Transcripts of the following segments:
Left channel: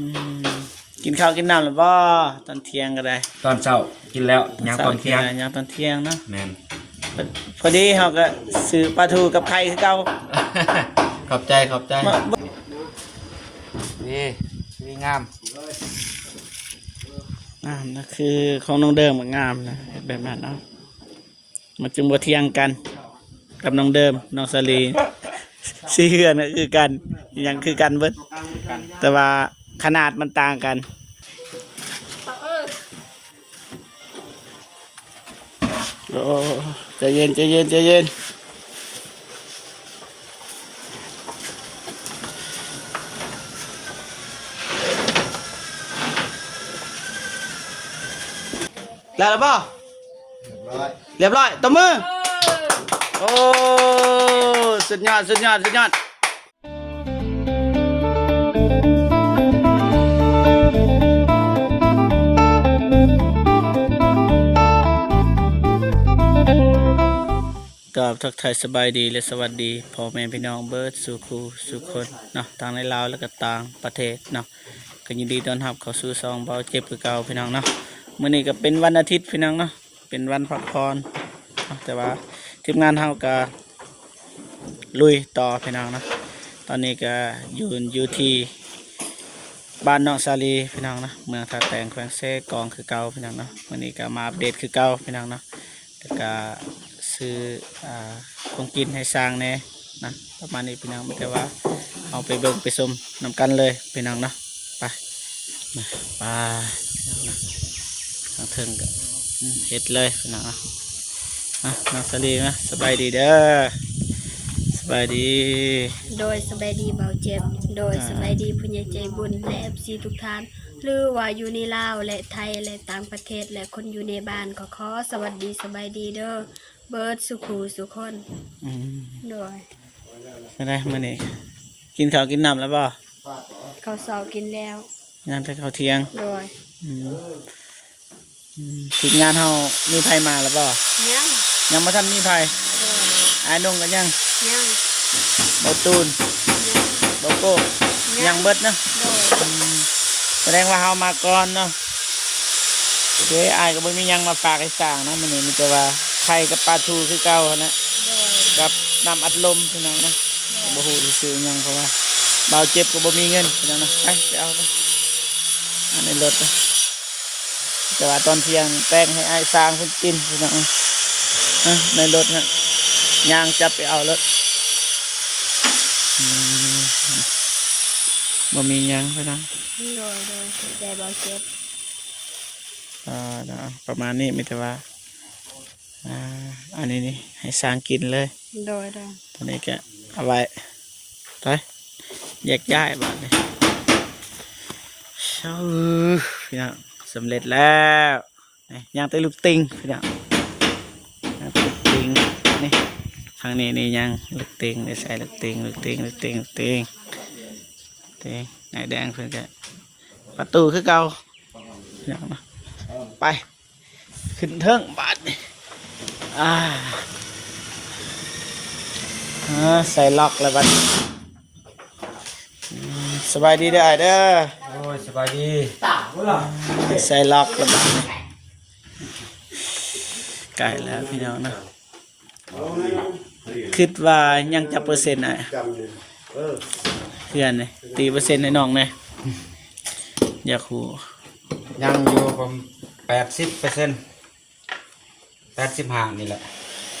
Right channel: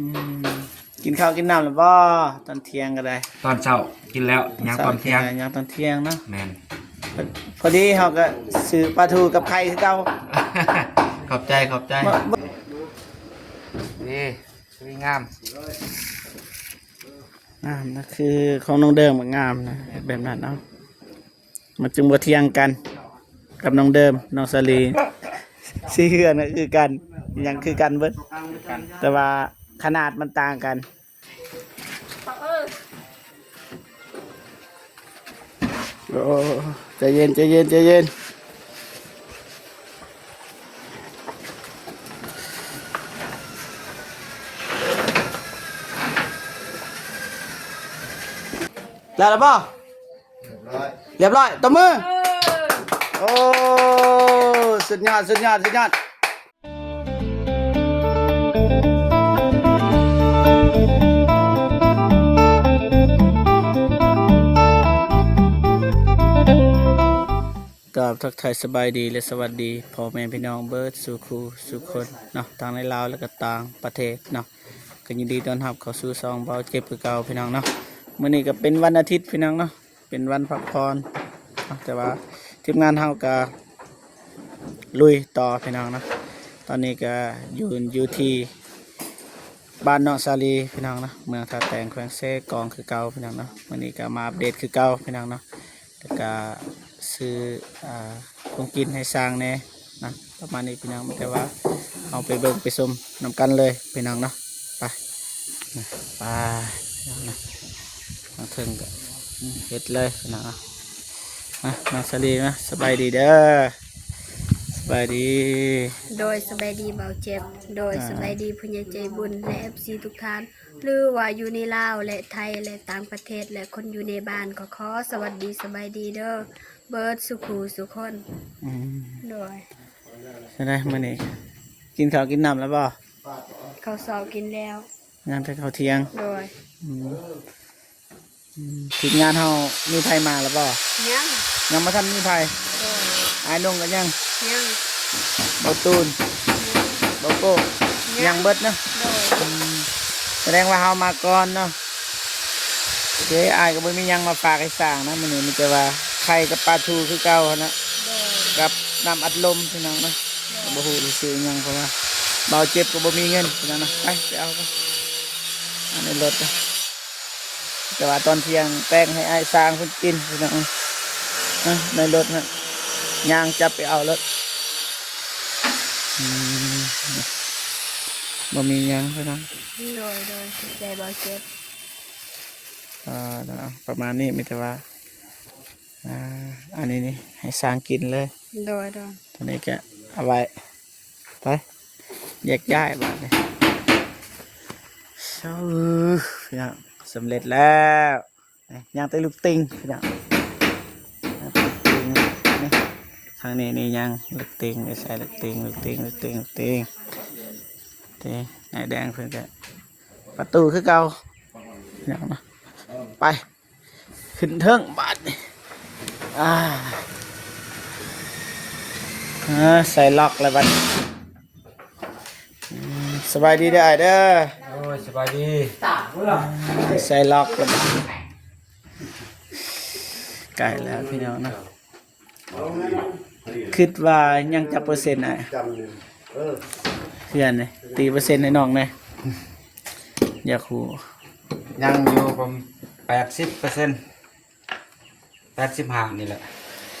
มกินข้าวกินน้ำหรือบ่ตอนเที่ยงก็ได้ตอนเช้ากินแล้วยังตอนเที่ยงยังตอนเที่ยงเนาะแมน พอดีเขาก็ซื้อปลาทูกับไข่คือเก่า ขอบใจนี่สวยงามนั่นคือของน้องเดิมงามนะแบบนั้นเนาะมันจึงบ่เที่ยงกันกับน้องเดิมน้องสลีสีเหือนก็คือกันยังคือกันเบิดแต่ว่าขนาดมันต่างกันโอ้ใจเย็นแล้วป่ะเรียบร้อยตบมือโอ้สุดยอดทักทายสบายดีและสวัสดีพ่อแม่พี่น้องเบิร์ดสู่ครูสู่คนเนาะต่างในลาวและก็ต่างประเทศเนาะก็ยินดีต้อนรับเข้าสู่ซองเบาเจ็บคือเก่าพี่น้องเนาะมื้อนี้ก็เป็นวันอาทิตย์พี่น้องเนาะเป็นวันพักผ่อนแต่ว่าทีมงานเฮาก็ลุยต่อพี่น้องเนาะตอนนี้ก็อยู่ที่บ้านน้องสาลีพี่น้องเนาะเมืองท่าแตงแขวงเซกองคือเก่าพี่น้องเนาะมื้อนี้ก็มาอัปเดตคือเก่าพี่น้องเนาะแล้วก็ซื้อของกินให้สร้างแน่นะประมาณนี้พี่น้องแต่ว่าเอาไปเบิ่งไปซุ่มนำกันเลยพี่น้องเนาะไปพี่น้องนะทางถึงเห็ดเลยพี่น้องมาสลีนะสบายดีเด้อสบายดีโดยสบายดีเบาเจ็บโดยสบายดีผู้ใหญ่ใจบุญและ FC ทุกท่านหรือว่าอยู่ในลาวและไทยและต่างประเทศและคนอยู่ในบ้านก็ขอสวัสดีสบายดีเด้อเบิร์ดสุขูสุคนโดยได้มาเนี่ยกินข้าวกินน้ำแล้วบ่เขาสอบกินแล้วงานแต่ข้าวเที่ยงโดยทีมงานเฮามีไผมาแล้วบ่ยังมาทำมีไผไอ้นุ่งกันยังบ่ตูนบ่โก้ยังเบิดนะแสดงว่าเฮามาก่อนเนาะเฮ้ยอ้ายก็บ่มียังมาฝากให้สร้างนะมื้อนี้มีแต่ว่าไข่กับปลาทูคือเก่านะกับน้ำอัดลมพี่น้องนะบ่ฮู้สิซื้อยังเพราะว่าเราเจ็บก็บ่มีเงินพี่น้องนะไปเอาไปมันรถแต่ว่าตอนเที่ยงแป้งให้อ้ายสร้างเพิ่นกินพี่น้องในรถนะย่างจับไปเอารถบ่มียังพี่น้องโดยใจเบาเจ็บประมาณนี้มีแต่ว่าอันนี้นี่ให้สร้างกินเลยโดยตอนนี้ก็เอาไว้ไปแยกย้ายบ้านเลยพี่น้องสำเร็จแล้วย่างเตลูกติงพี่น้องลูกติงนี่ทางนี้นี่ย่างลูกติงใส่ลูกติงไหนแดงเพื่อนประตูคือเก่าพี่น้องนะไปขึ้นเทิงบาดนี่ใส่ล็อกแล้วบัดสบายดีได้เด้อโอ้ยสบายดีใส่ล็อกกันไก่แล้วพี่น้องนะคิดว่ายังจะเปอร์เซ็นต์อ่ะเพื่อนเลยตีเปอร์เซ็นต์ในน้องนะอย่าขู่ยังอยู่ผม80% 85นี่แหละ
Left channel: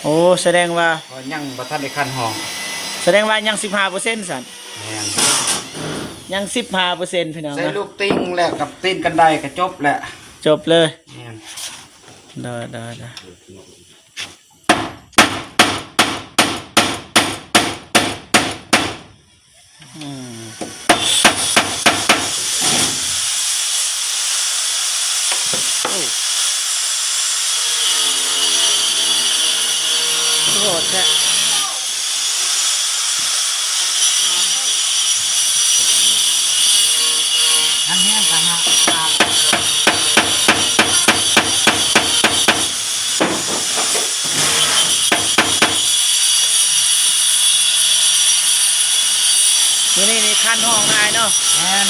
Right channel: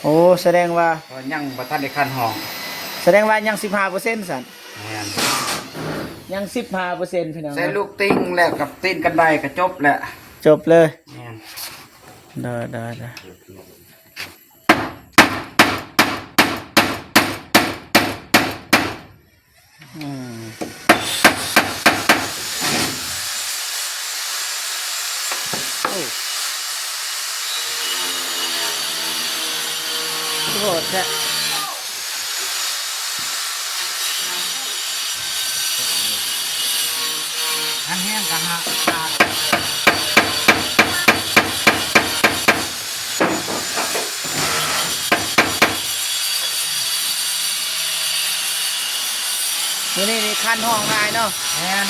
โอ้แสดงว่ายังบ่ทันได้คันห้องแสดงว่ายัง15%สั่นยัง15%พี่น้องใส่ลูกติ้งแล้วกับตีนกันได้ก็จบแหละจบเลยได้โอ้แค่อันแห้งกันฮะมื้อนี้คันห้องได้เนาะแม่น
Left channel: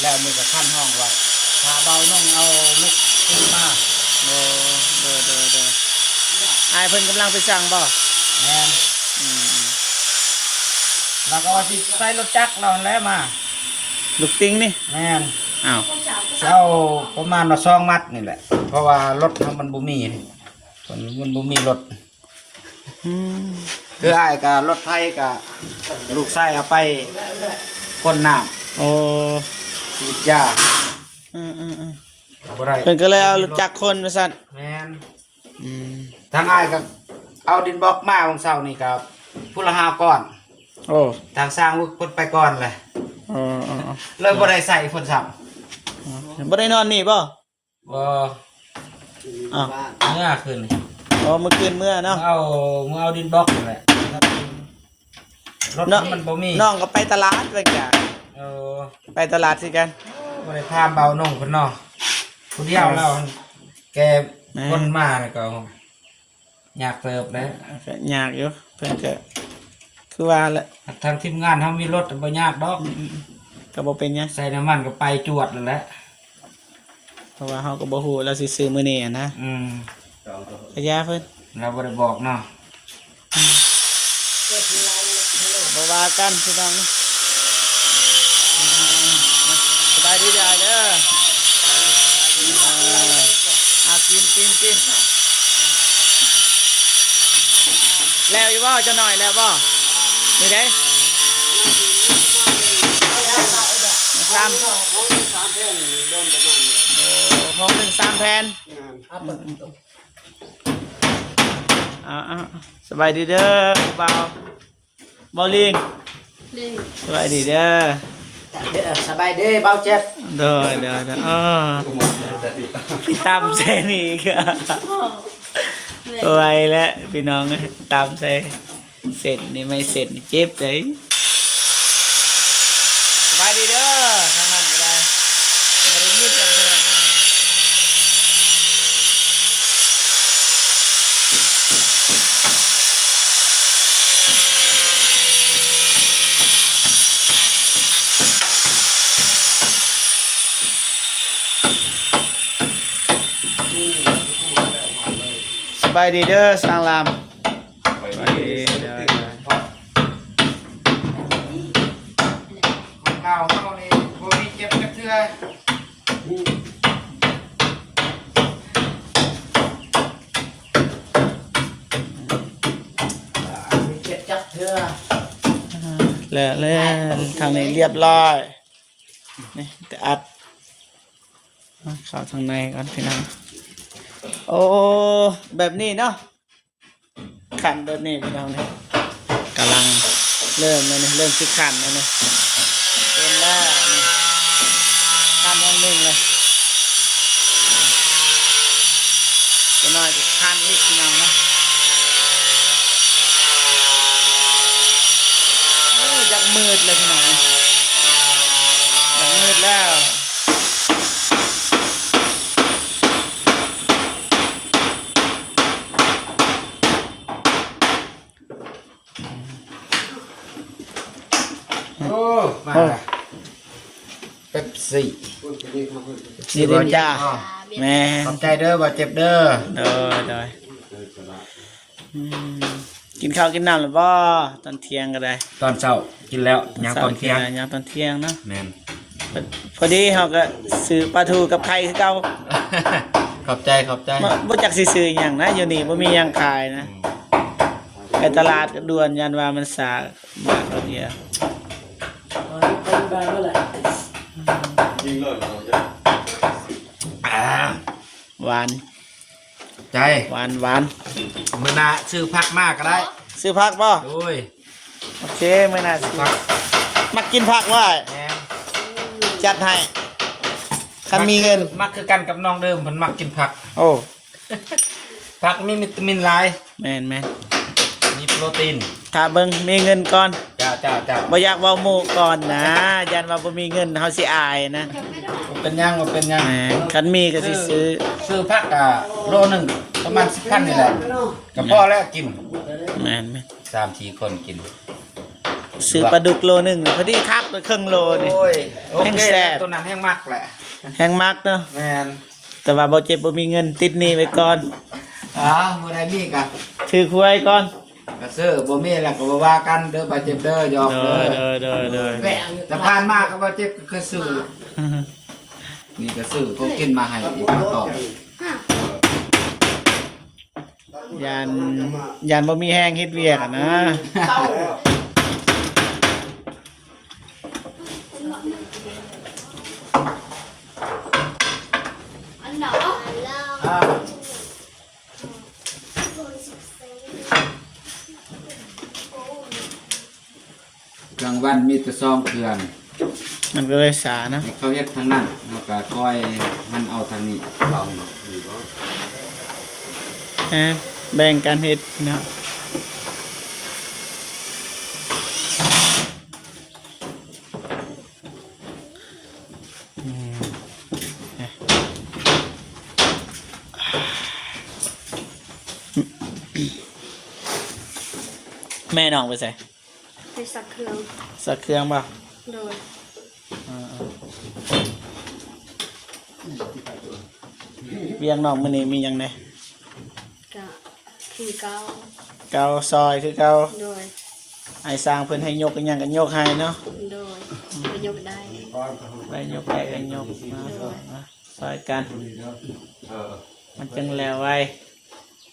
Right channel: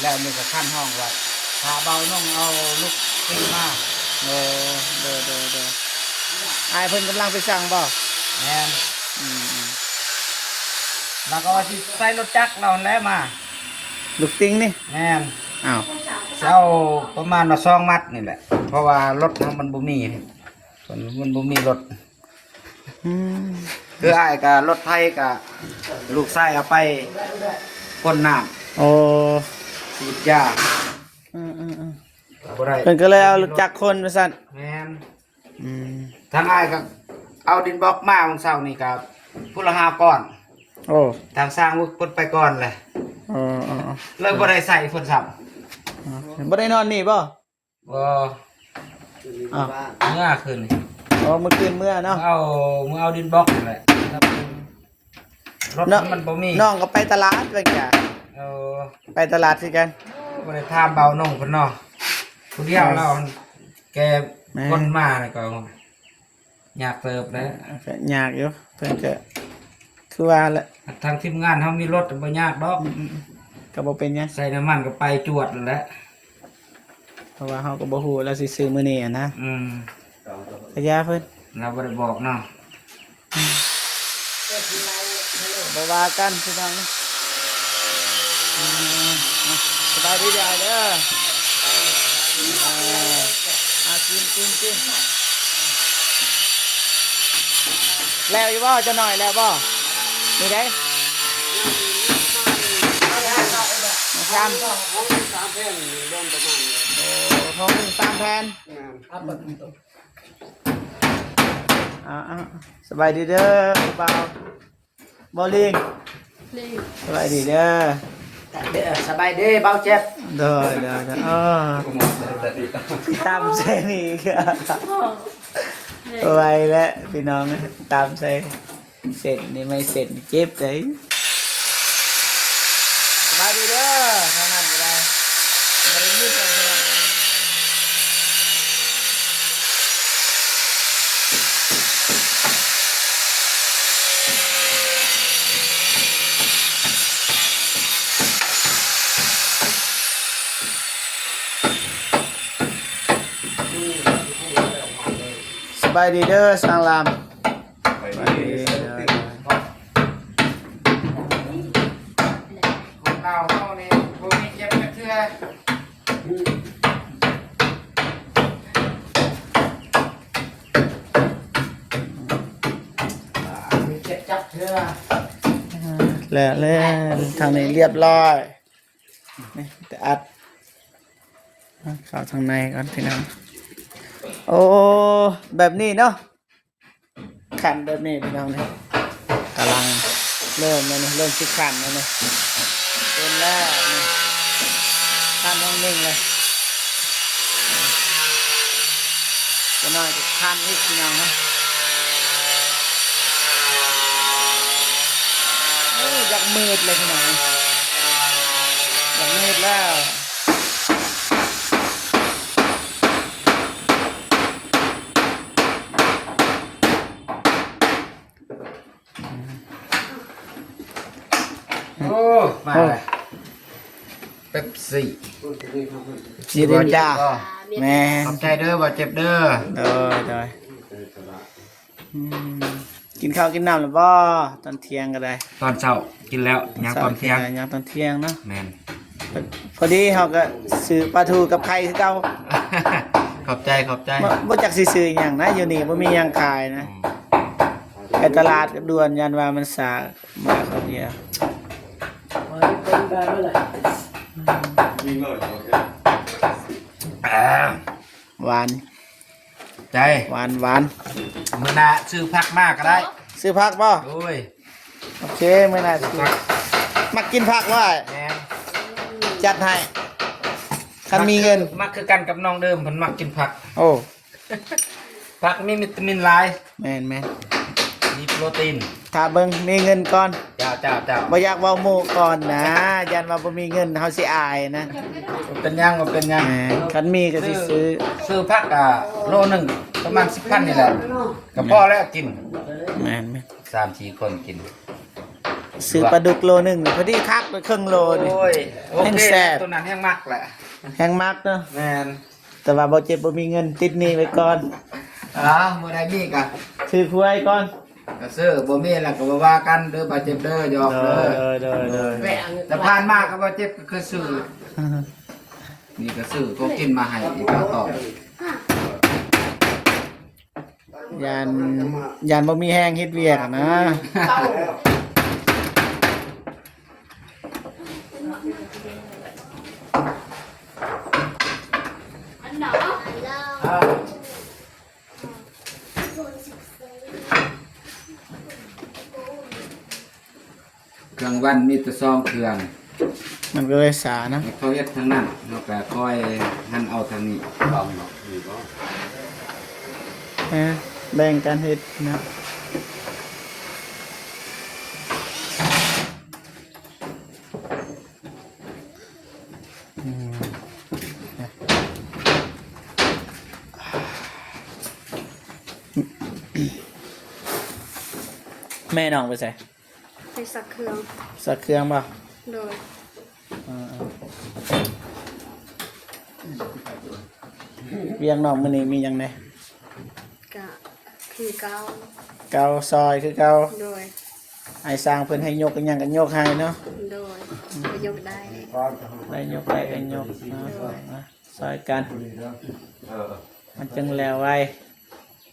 แล้วมีกับขั้นห้องว่าพาเบาน้องเอาลูกขึ้นมา โอ้เด้ออายเพิ่นกำลังไปสั่งบ่ แม่น อืม แล้วก็ว่าสิใส่รถจักรเราแล้วมา ลูกติ้งนี่ แม่น อ้าว เอาประมาณว่า2 มัดนี่แหละ เพราะว่ารถมันบ่มีมันบ่มีรถ อืม คืออ้ายกับรถไทยกับลูกไส้เอาไปก้นน้ โอ้ ำสีดยา อืม บ่ได้ เพิ่นก็เลยเอารถจักรคนมาสั่น แม่น อืม ทางอ้ายกับเอาดินบล็อกมาของเสานี่ครับผู้ละ5 ก้อน โอ้ ทางสร้างวุฒิเพิ่นไปก่อนแหละ อ๋อ เลยบ่ได้ใส่เพิ่นซ้ำ บ่ได้นอนนี่บ่ บ่ อ้าว เมื่อคืน อ๋อเมื่อคืนเมื่อเนาะ มึงเอาดินบล็อกนั่นแหละรถ น้อง มันบ่มี น้องก็ไปตลาดด้วยจ้ะ เออ ไปตลาดสิกัน บ่ได้ถามเบาน้องเพิ่นเนาะผู้เดียวเราแกคนมานี่ก็อยากเติบแล้ว ยากอยู่เพิ่นก็คือว่าแหละ ทางทีมงานเขามีรถบ่ยากดอก ก็บ่เป็นหยัง ใส่น้ำมันก็ไปจวดแล้วแหละ เพราะว่าเฮาก็บ่ฮู้แล้วสิซื้อมื้อนี้อะนะ ขยาเพิ่น เราบ่ได้บอกเนาะ บ่ว่ากันพี่น้องสบายดีจ้ะเด้อกินแล้วอยู่บ่จะหน่อยแล้วบ่นี่เด้3ห้องเป็น3แผ่นสบายดีเด้อบ่ลิงสบายดีเด้อ สบายดีเบาเจ็บ เด้อตามเส้นอีกอะไวแล้วพี่น้องตามเส้นเสร็จนี่ไม่เสร็จนี่เจ็บเลยสบายดีเด้อทำงานอะไรไม่ได้ยืดเลยสบายดีเด้อสังลามสบายดีเด้อ คนเราเฮานี่บ่มีเจ็บจักเทื่อมีเจ็บจักเทื่อ แล้วทางนี้เรียบร้อยนี่แต่อัดเข้าทางในก่อนพี่น้องโอ้แบบนี้เนาะขันแบบนี้พี่น้องเนี่ยกำลังเริ่มที่ขันแล้วนะเริ่มแล้วนี่ขันห้องนิ่งเลยพี่น้อยจะขันนิดพี่น้องนะอยากมืดเลยพี่น้องอยากมืดแล้ว โอ้มาเลยเป๊ปซี่ นี่เดินจ้าแม่ ขอบใจเด้อบ่เจ็บเด้อ เด้อกินข้าวกินน้ำหรือบ่ตอนเที่ยงก็ได้ ตอนเช้ากินแล้วยังตอนเที่ยง ยังตอนเที่ยงเนาะ แม่น พอดีเขาก็ซื้อปลาทูกับไข่คือเก่า ขอบใจ บ่จักสิซื้อหยังนะอยู่นี่บ่มีหยังขายนะไอ้ตลาดด่วนยันว่ามันสามาเขาเดียวหวาน ใจ หวาน มื้อหน้าซื้อผักมากก็ได้ ซื้อผักบ่ โอ้ย โอเคไม่น่าซื้อ ผัก มักกินผักว่า แม่น จัดให้คันมีเงิน มักคือกันกับน้องเดิมเพิ่นมักกินผัก โอ้ ผักมีวิตามินหลาย แม่น มีโปรตีน ถ้าเบิ่งมีเงินก่อน เจ้า บ่อยากเว้าหมู่ก่อนนะยันว่าบ่มีเงินเฮาสิอายนะ บ่เป็นหยัง แหมคันมีก็สิซื้อ ซื้อผักโลหนึงประมาณ10 พันนี่แหละก็พอแล้วกิน แม่น 3-4 คนกิน ซื้อปลาดุกโลหนึ่งพอดีคักไปครึ่งโลนี่ โอ้ยโอ แห้ง เค แซ่บ ตัวนั้นแห้งมากแหละ แห้งมากเนาะ แมน แต่ว่าบ่เจ็บบ่มีเงินติดหนี้ไว้ก่อน มื้อใดมีกะ ถือคุยก่อน ก็ซื้อบ่มีแล้วก็บ่ว่ากันเด้อบาดเจ็บเด้อหยอก เด้อ เด้อ เด้อ แต่ผ่านมาก็บาดเจ็บก็คือซื้อนี่ก็ซื้อของกินมาให้อีกมาต่อย านบ่มีแห้งเฮ็ดเวียกอะนะ กลางวันมีแต่ซองเครื่อง มันก็เลยสานะ เขาเฮ็ดทางนั้นแล้วก็คอยหันเอาทางนี้ลองเนาะอยู่บ่ แบ่งกันเฮ็ดเนาะแม่น้องไปใส่ ไปสักเครื่อง สักเครื่องป่ะ โดย เวียงน้องมื้อนี้มีหยังแหน่ กะคือเก้า เกาซอยคือเกา โดย ไอ้สร้างเพิ่นให้ยกอีหยังก็ยกให้เนาะ โดยไปยกได้ ได้ยกไปก็ยกเนาะซอยกันมันจึงแล้วไว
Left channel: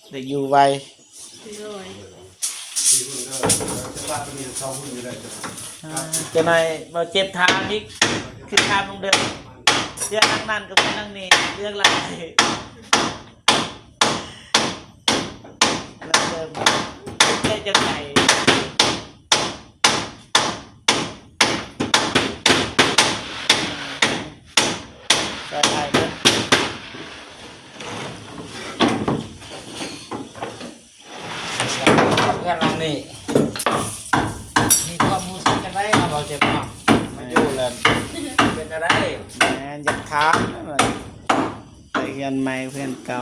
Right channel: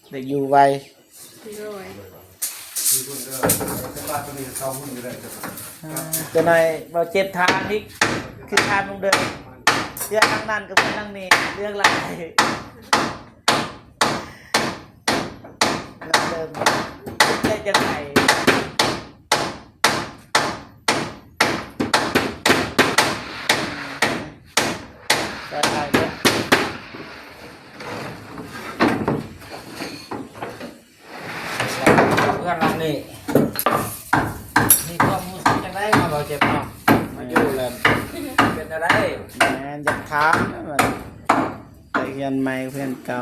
ได้อยู่ไว โดย จะหน่อยบ่เจ็บทางนี่คือทางลงเดินเรื่องนั่นก็เป็นนั่งนี่เรื่องอะไรเรื่องจะไหนเพื่อนเรานี่มีความรู้สึกจังได๋เราเจ็บเนาะมันอยู่แบบเป็นจังได๋ แม่นจะท้ามมันไปเรียนใหม่เพื่อนเก่า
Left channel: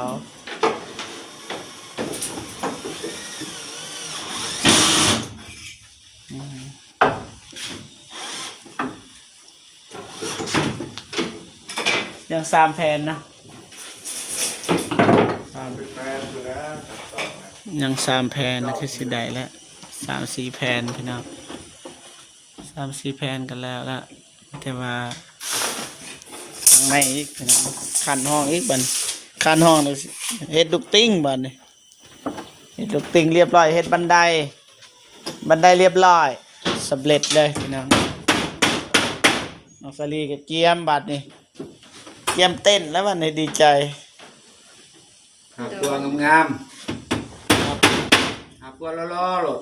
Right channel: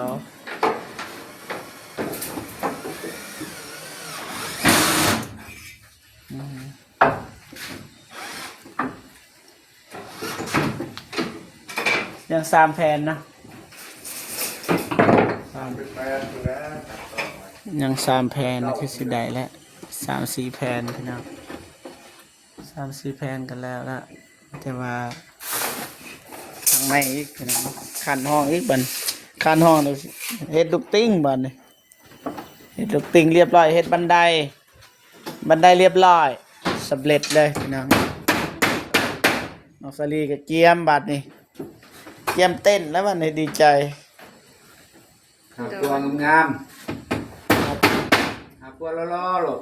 ยังสามแผ่นนะยังสามแผ่นนะคือสิได้แล้ว3-4แผ่นพี่น้อง3-4แผ่นกันแล้วละแต่ว่าข้างในอีกพี่น้องคันห้องอีกบัดคันห้องเลยเฮ็ดลูกติ้งบัดนี่เฮ็ดลูกติ้งเรียบร้อยเฮ็ดบันไดเรียบร้อยสำเร็จเลยพี่น้องน้องสลีก็เกียมบัดนี่เกียมเต้นแล้วบัดนี้ดีใจ หาตัวงามๆหาตัวล่อๆลูก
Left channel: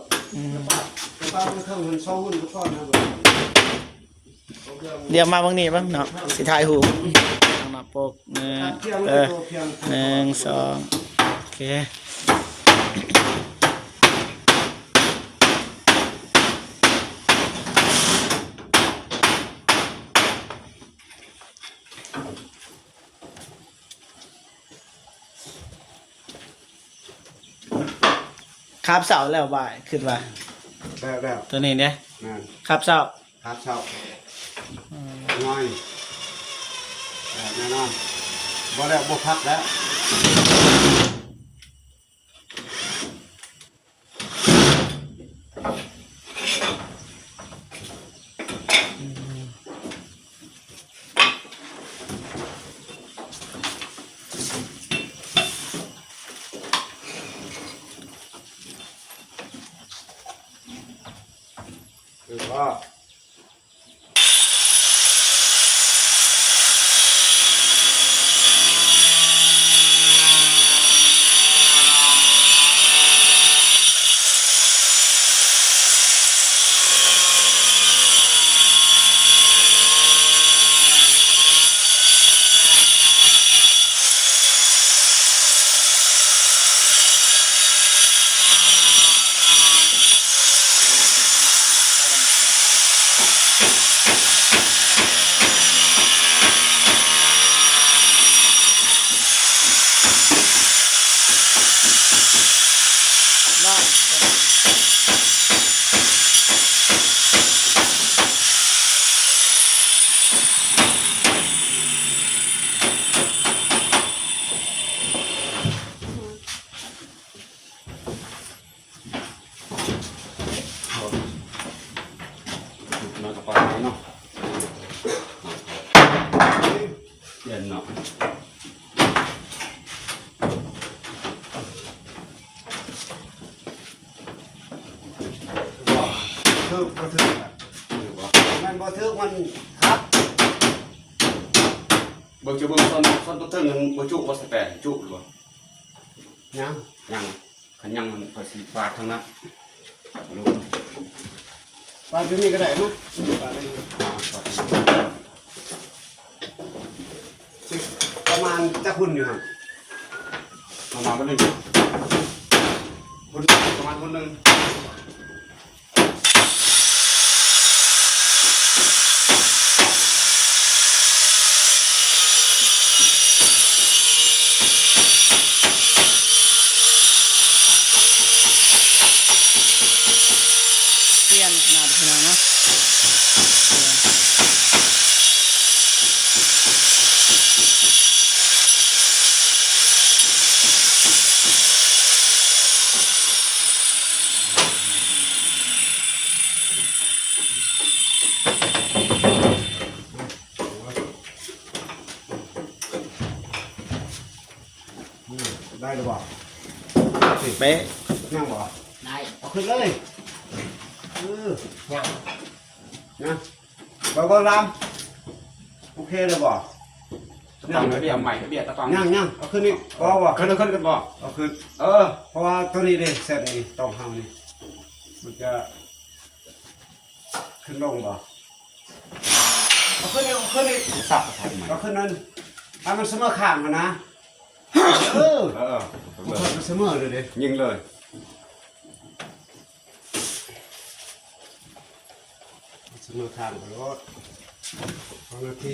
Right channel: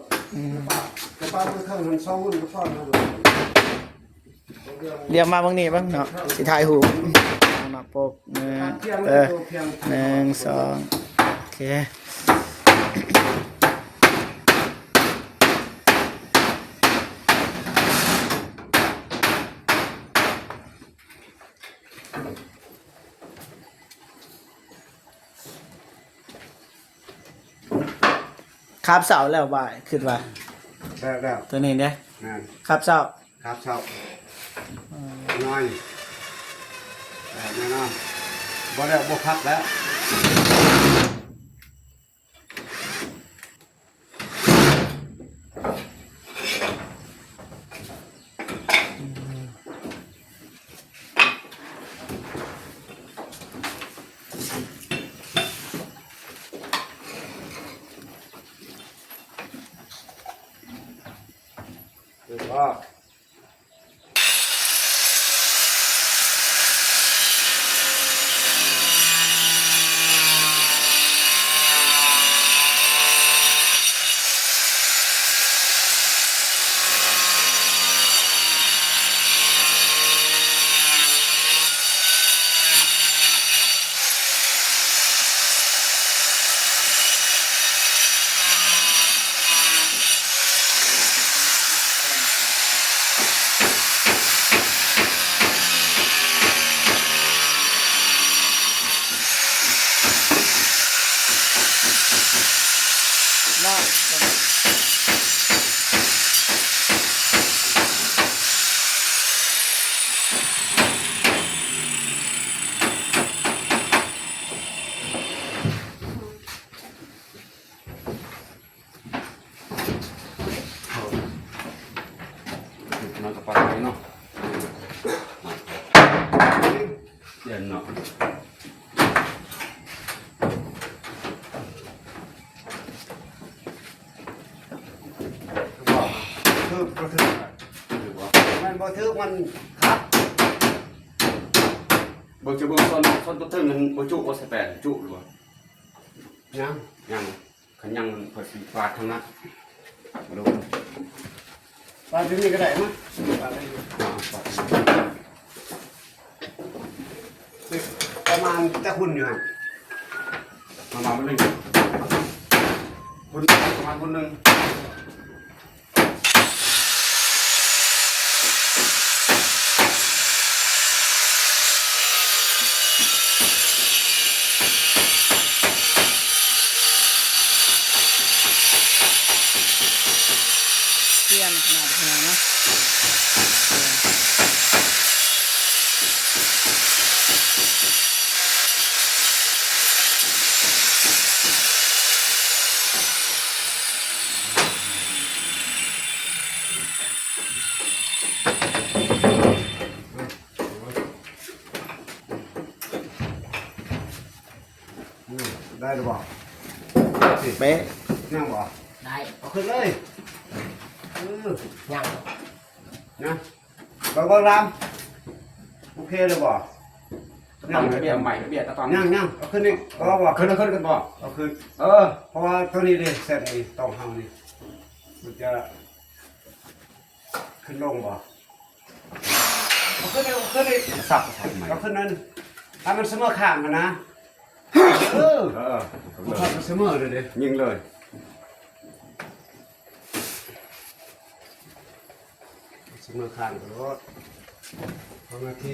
เดี๋ยวมาบางนี้บ้างเนาะสิถ่ายหูหน้าปก1 2โอเคครับเสาแล้วบ่ายขึ้นว่า แล้ว ตัวนี้เนี่ย แม่น ครับเสา ครับเช้าน้อยแน่นอนบ่แล้วบ่พักแล้วก็ บ่ถึกมันบ่ถึกมันครับเบิ่งจะเบิ่งตอนต้นถึงบ่จุบ่สิแปลนจุหรือบ่ ยัง ยังคันยังมันพอสิฟาดทั้งนั้นบ่รู้ มาที่นี่ก็ได้มั้ยประมาณจะหุ่นอยู่ครับ มาบ่ได้คนประมาณคนนึง เที่ยงขนาดเพียงเนาะได้หรือเปล่า เป๊ะ นั่งบ่ ได้ เอาขึ้นเลยยังนะบางลำโอเคเลยบ่ เรื่องเบียดใหม่เบียดตะฟัง ยังเอาขึ้นนี่บ่บ่ ขึ้นกันบ่ เอาขึ้น เออ เพราะว่าตัวนี้เลยเส้นนี้ตรงเฮานี่มันจะขึ้นลงบ่เอาขึ้นเอาขึ้นอีก สับใหม่ เอาขึ้นนั่นให้มันเสมอข้างมันนะเออ เออ มันเสมอเลยดิ ยิงเลย เสมอข้างแล้วพอนาที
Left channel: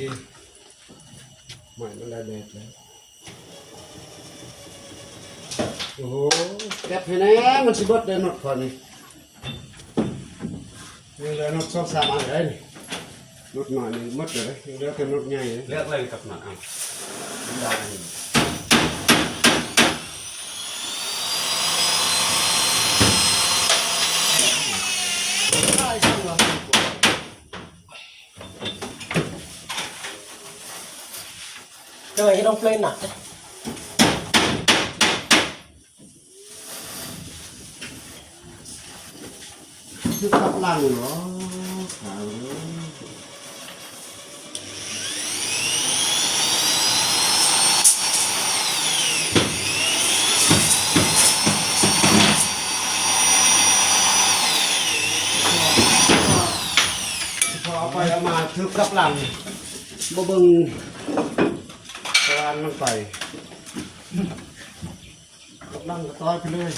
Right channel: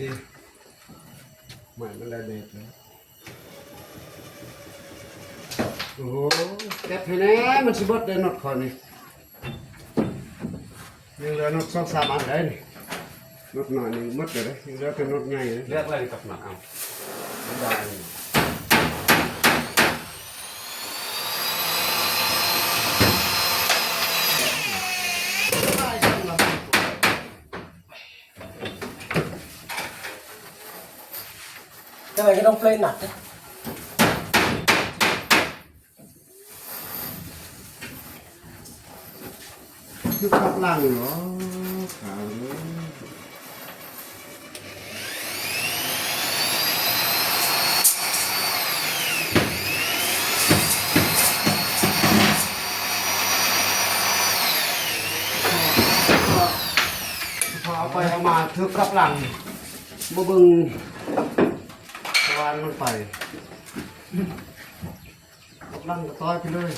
ใหม่มันได้เด็ดแล้วโอ้โหเก็บให้แน่มันสิเบดได้นดก่อนนี่ยังเหลือนด2-3อันเลยนี่นดหน่อยนึงหมดเลยยังเหลือแต่นดใหญ่เลย เลือกเลยกับหนักเอาได้ ทำไมต้องเพลงหนัก คือขับล่างเหรอขาวพอเอาไปเอามาทึกขับหลังบ่เบิ่งตะวันมันไปขับหลังก็ต้อยไปเลย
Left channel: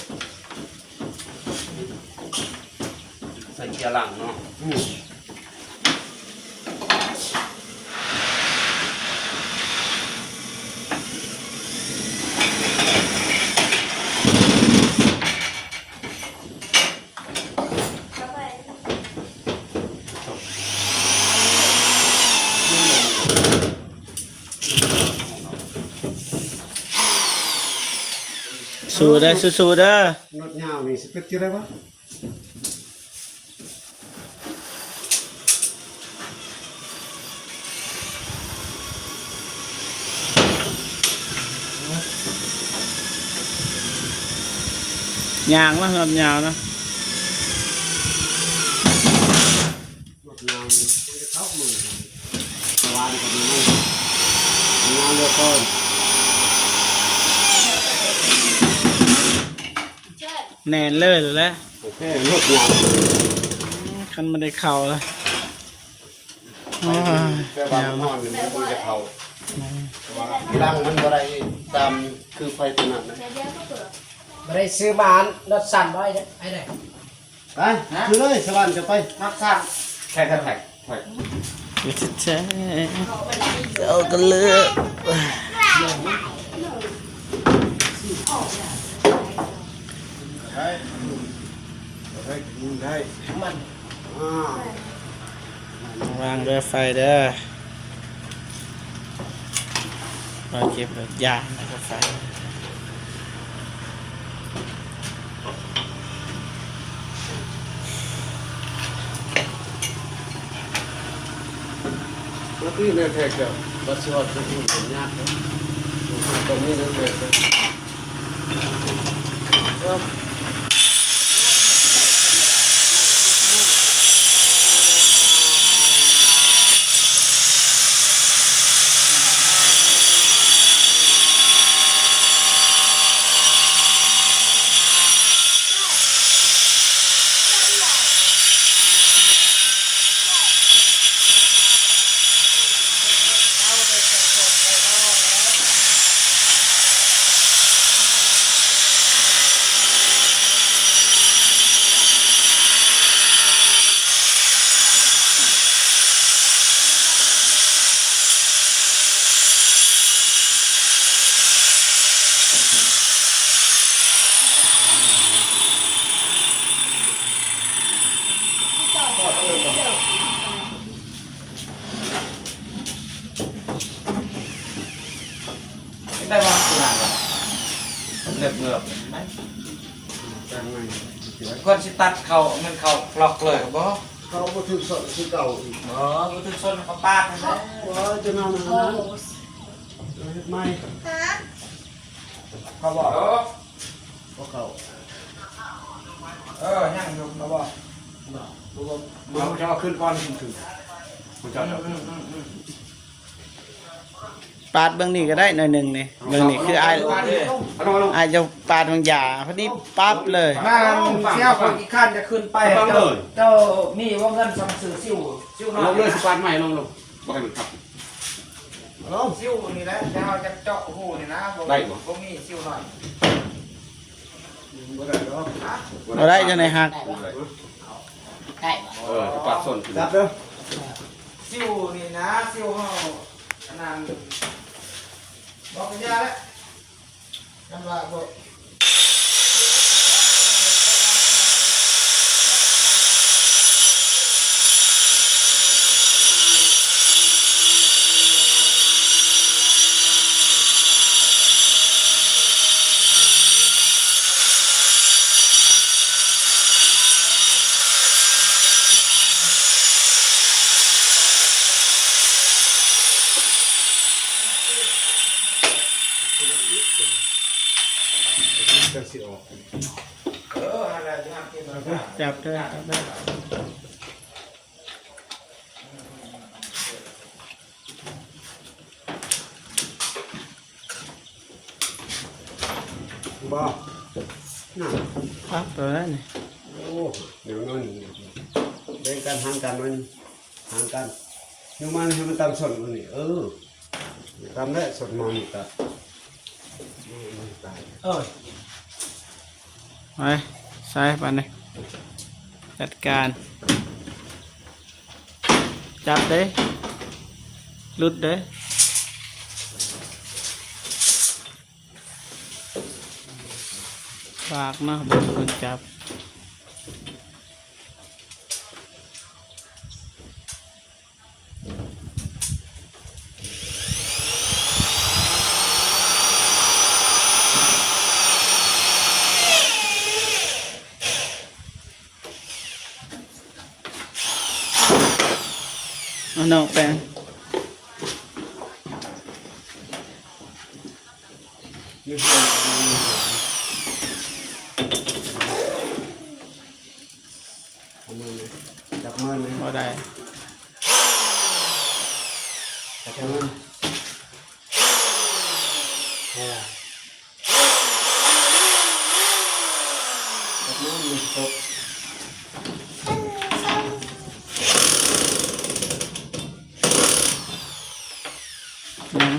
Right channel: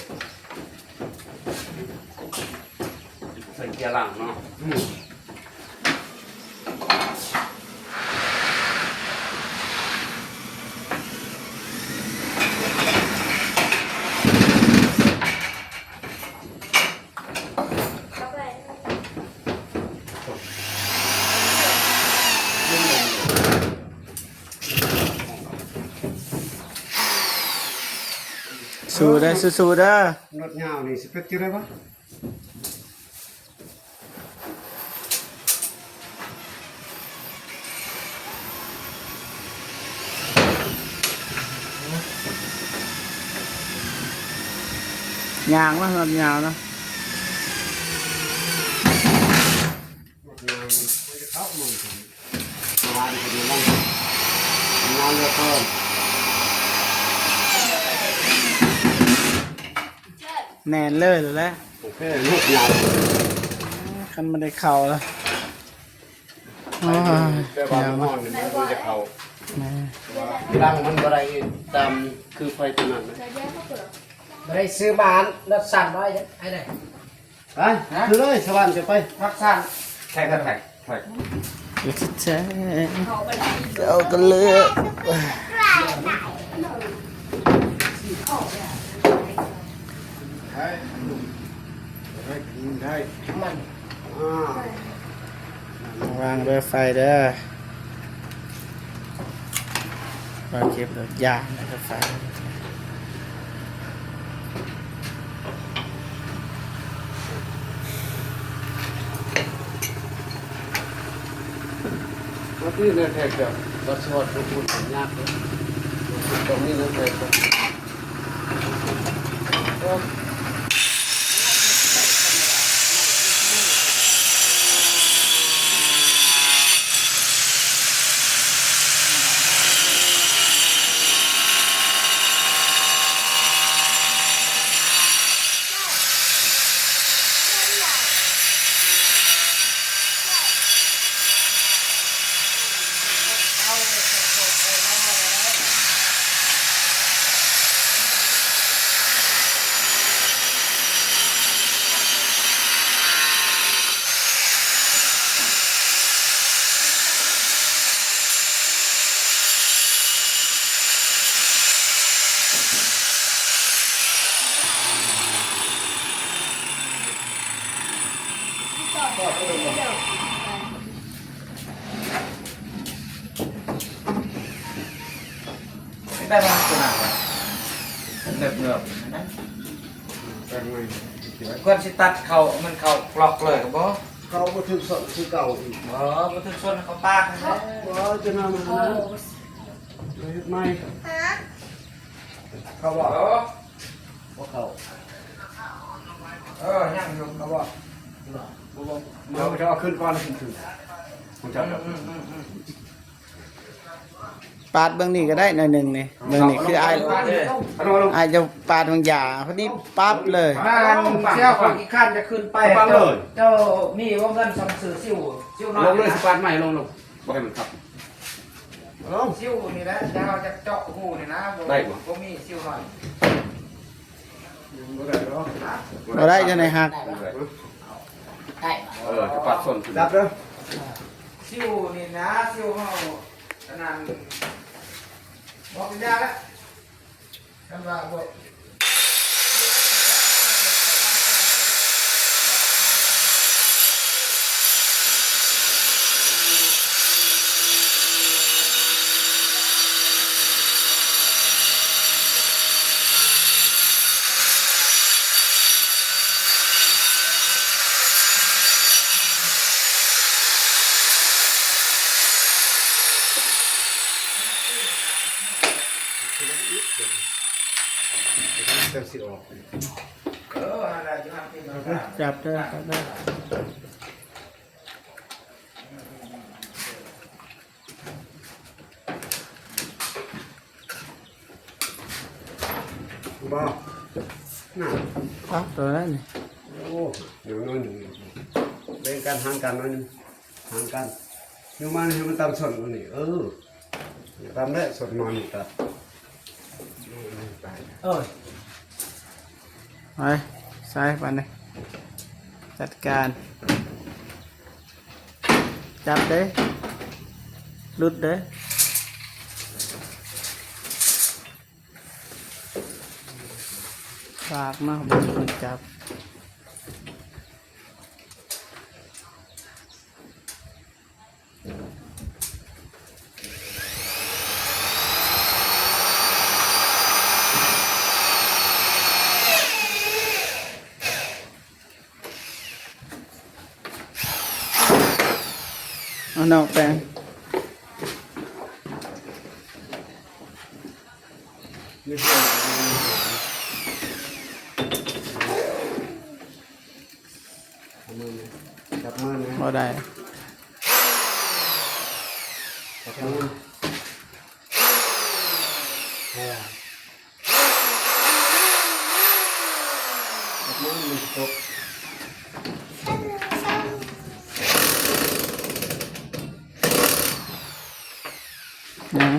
ใส่เกียร์หลังเนาะ สู้ได้สู้ๆได้ นดยาวนี่สิเป็นที่ไรบ้าง ยางนะลำยาวนะ นดยาวมันจะเข้ามือตะวันคนนี้มันยาวเหลือเกิน แน่นเลยหรือแล้ว โอเคนดยาว คันไม่ได้เข่าแล้ว เจ้าบ้านนอนมันจะเข้าเวลามันอะไรตามคือไฟตัวนั้นนะ ได้ซื้อบ้านรถสั่นไว้ไอ้ไหน ไปคือเลยสวรรค์จะไป รับสั่ง แท็กแท็กไว้ อย่าจะแช่เอากันเลย ได้กินได้อ่าว างด้วยไฟเด้อเราเก็บยานะครับไฟ แล้วที่ในเทคเดียววัสดุเป็นหุ่นเป็นยากเลยหุ่นตรงนี้ในเทคเดียว ได้บ้างขนาดวะเล็บเลือบนะ เป็นไง ก่อนสิตัดเขามันเขาปลอกเลยครับบ่ เขาบ่ถึงสดคือเก่าอีก บ่ถึงส่วนเขาปาดนะ ว่าจะนำมันนะเฮ็ดใหม่เขาบอกว่าเขา ยังอยู่ เขาบอกบอก เดี๋ยวจะเอาขึ้นก้อนถึงผมจะเอา ปาดเบื้องนี้ก็ได้หน่อยหนึ่งนี่เบื้องนี้คืออาย เอาลง อายจะปาดบางอย่างพอดีปั๊บเลย มันเชี่ยวคนอีกขั้นจะขึ้นไปเจ้ามีว่าเงินสองสื่อซิ่วน้อย ลงเลยสปานใหม่ลงบอกให้มันขับ เอา ซิ่วนี่แหละจะเอาจะเจาะหูนี่นะบ่มีซิ่วหน่อย บ่ได้หรอก เราได้ยังไงฮัก ที่ปัดส่วน รับเด้อ ซิ่วนี่นะซิ่วเฮาขนาดบอกกันยาแล้วนั่นละบอก จะสิออก อะไรจะมากินมา จับได้จับได้ บ่น่ะ ปั๊บตัวนั้นนี่ โอ้เดี๋ยวนั่นเล่นกันห่างกันนั่นห่างกันยูมันให้มันตามส่วนมันนี่ตามได้ส่วนมันนี่ก็ไป มาใส่ไปเลยจัดการจับเด้ลุดเด้ฝากเนาะเป็นคนจับเอาน้องแปง นี่เพื่อนกันนี่จับมือเลย พอได้ จับมือจับมือมีตก นะ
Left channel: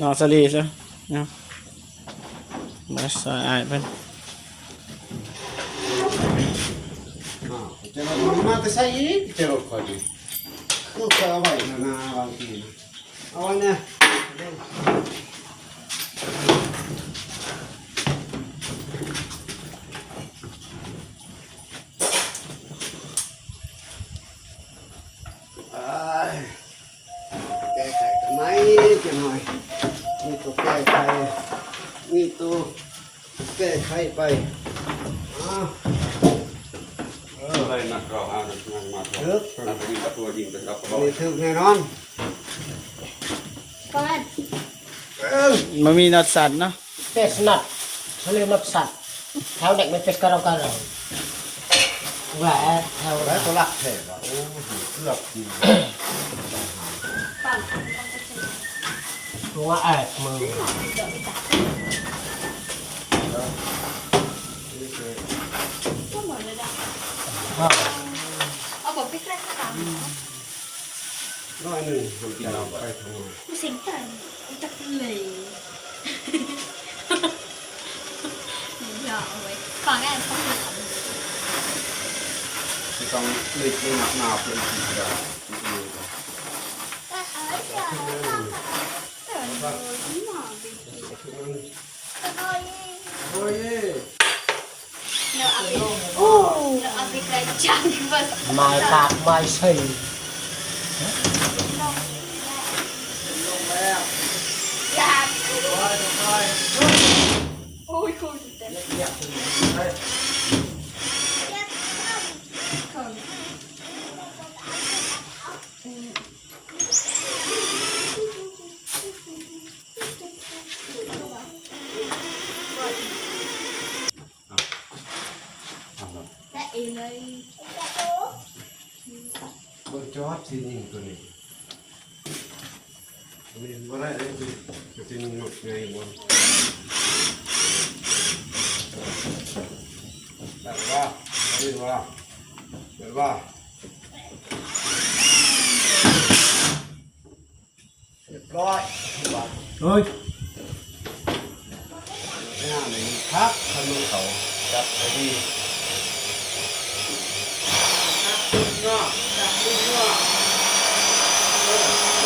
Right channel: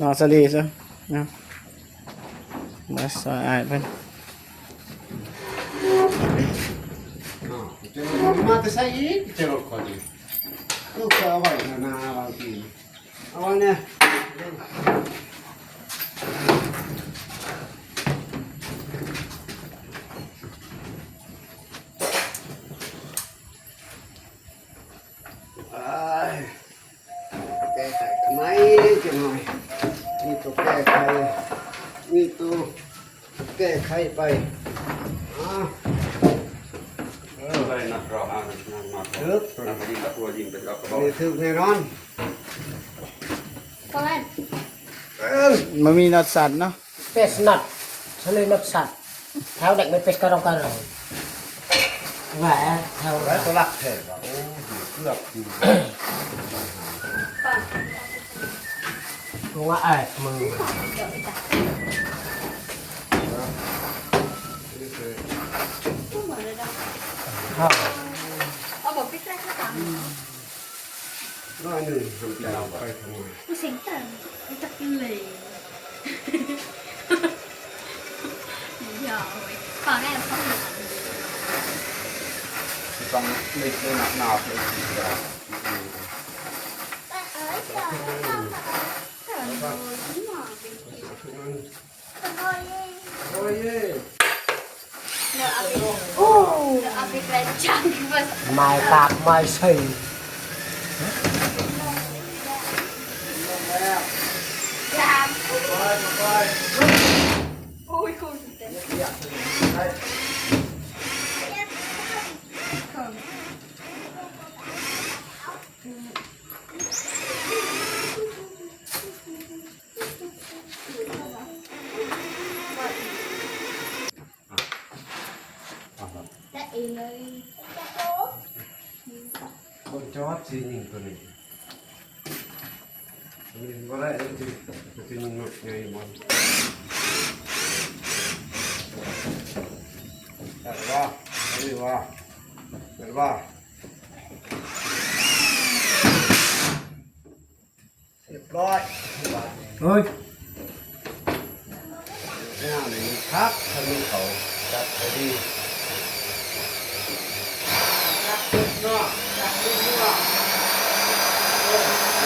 นอนสลีใช่ไหมมาใส่อายเป็น จะเราทำมาแต่ใส่อีกจะรถคนนี้คือเขาเอาไว้นาบางทีเอาไว้เนี่ยแก้ไขกันไหมจะหน่อยนี่ตัวแก้ไขนี่ตัว แก้ไขไปอ้าว อะไรนักร้องอ่ะนักมานักยิงกระตัวยิงกระดอกกระบอก นี่ถึกแน่นอน ก็แม่น มันมีน็อตสันเนาะ Pes nut, selalu nut sat. Kau nak mepes karang karang. Wah, kau แล้วก็รักแท้ว่ะโอ้เกือบอยู่ tua mừng. เอาบอกพี่แกล้งข้าตาม น้อยหนึ่งทำกินเอาไปทำไม กูเสียงแต่จักเลยอย่าเอาไว้ฟังแอบฟังหลัง ที่ต้องเล็กหนักหนาเป็นสีแบบ โอ้ย Nợ áp bị nợ áp bị cái chăn vật Mai tạp mai xây. làm ôi không gì thế không Tại đây คนจอดสิยิงตัวนี้มีบ่ได้เลยสิยิงหมดไงบอลได้ว่าได้ว่าได้ว่าเรียบร้อยเฮ้ยหน้าหนึ่งครับทะลุเขาครับดี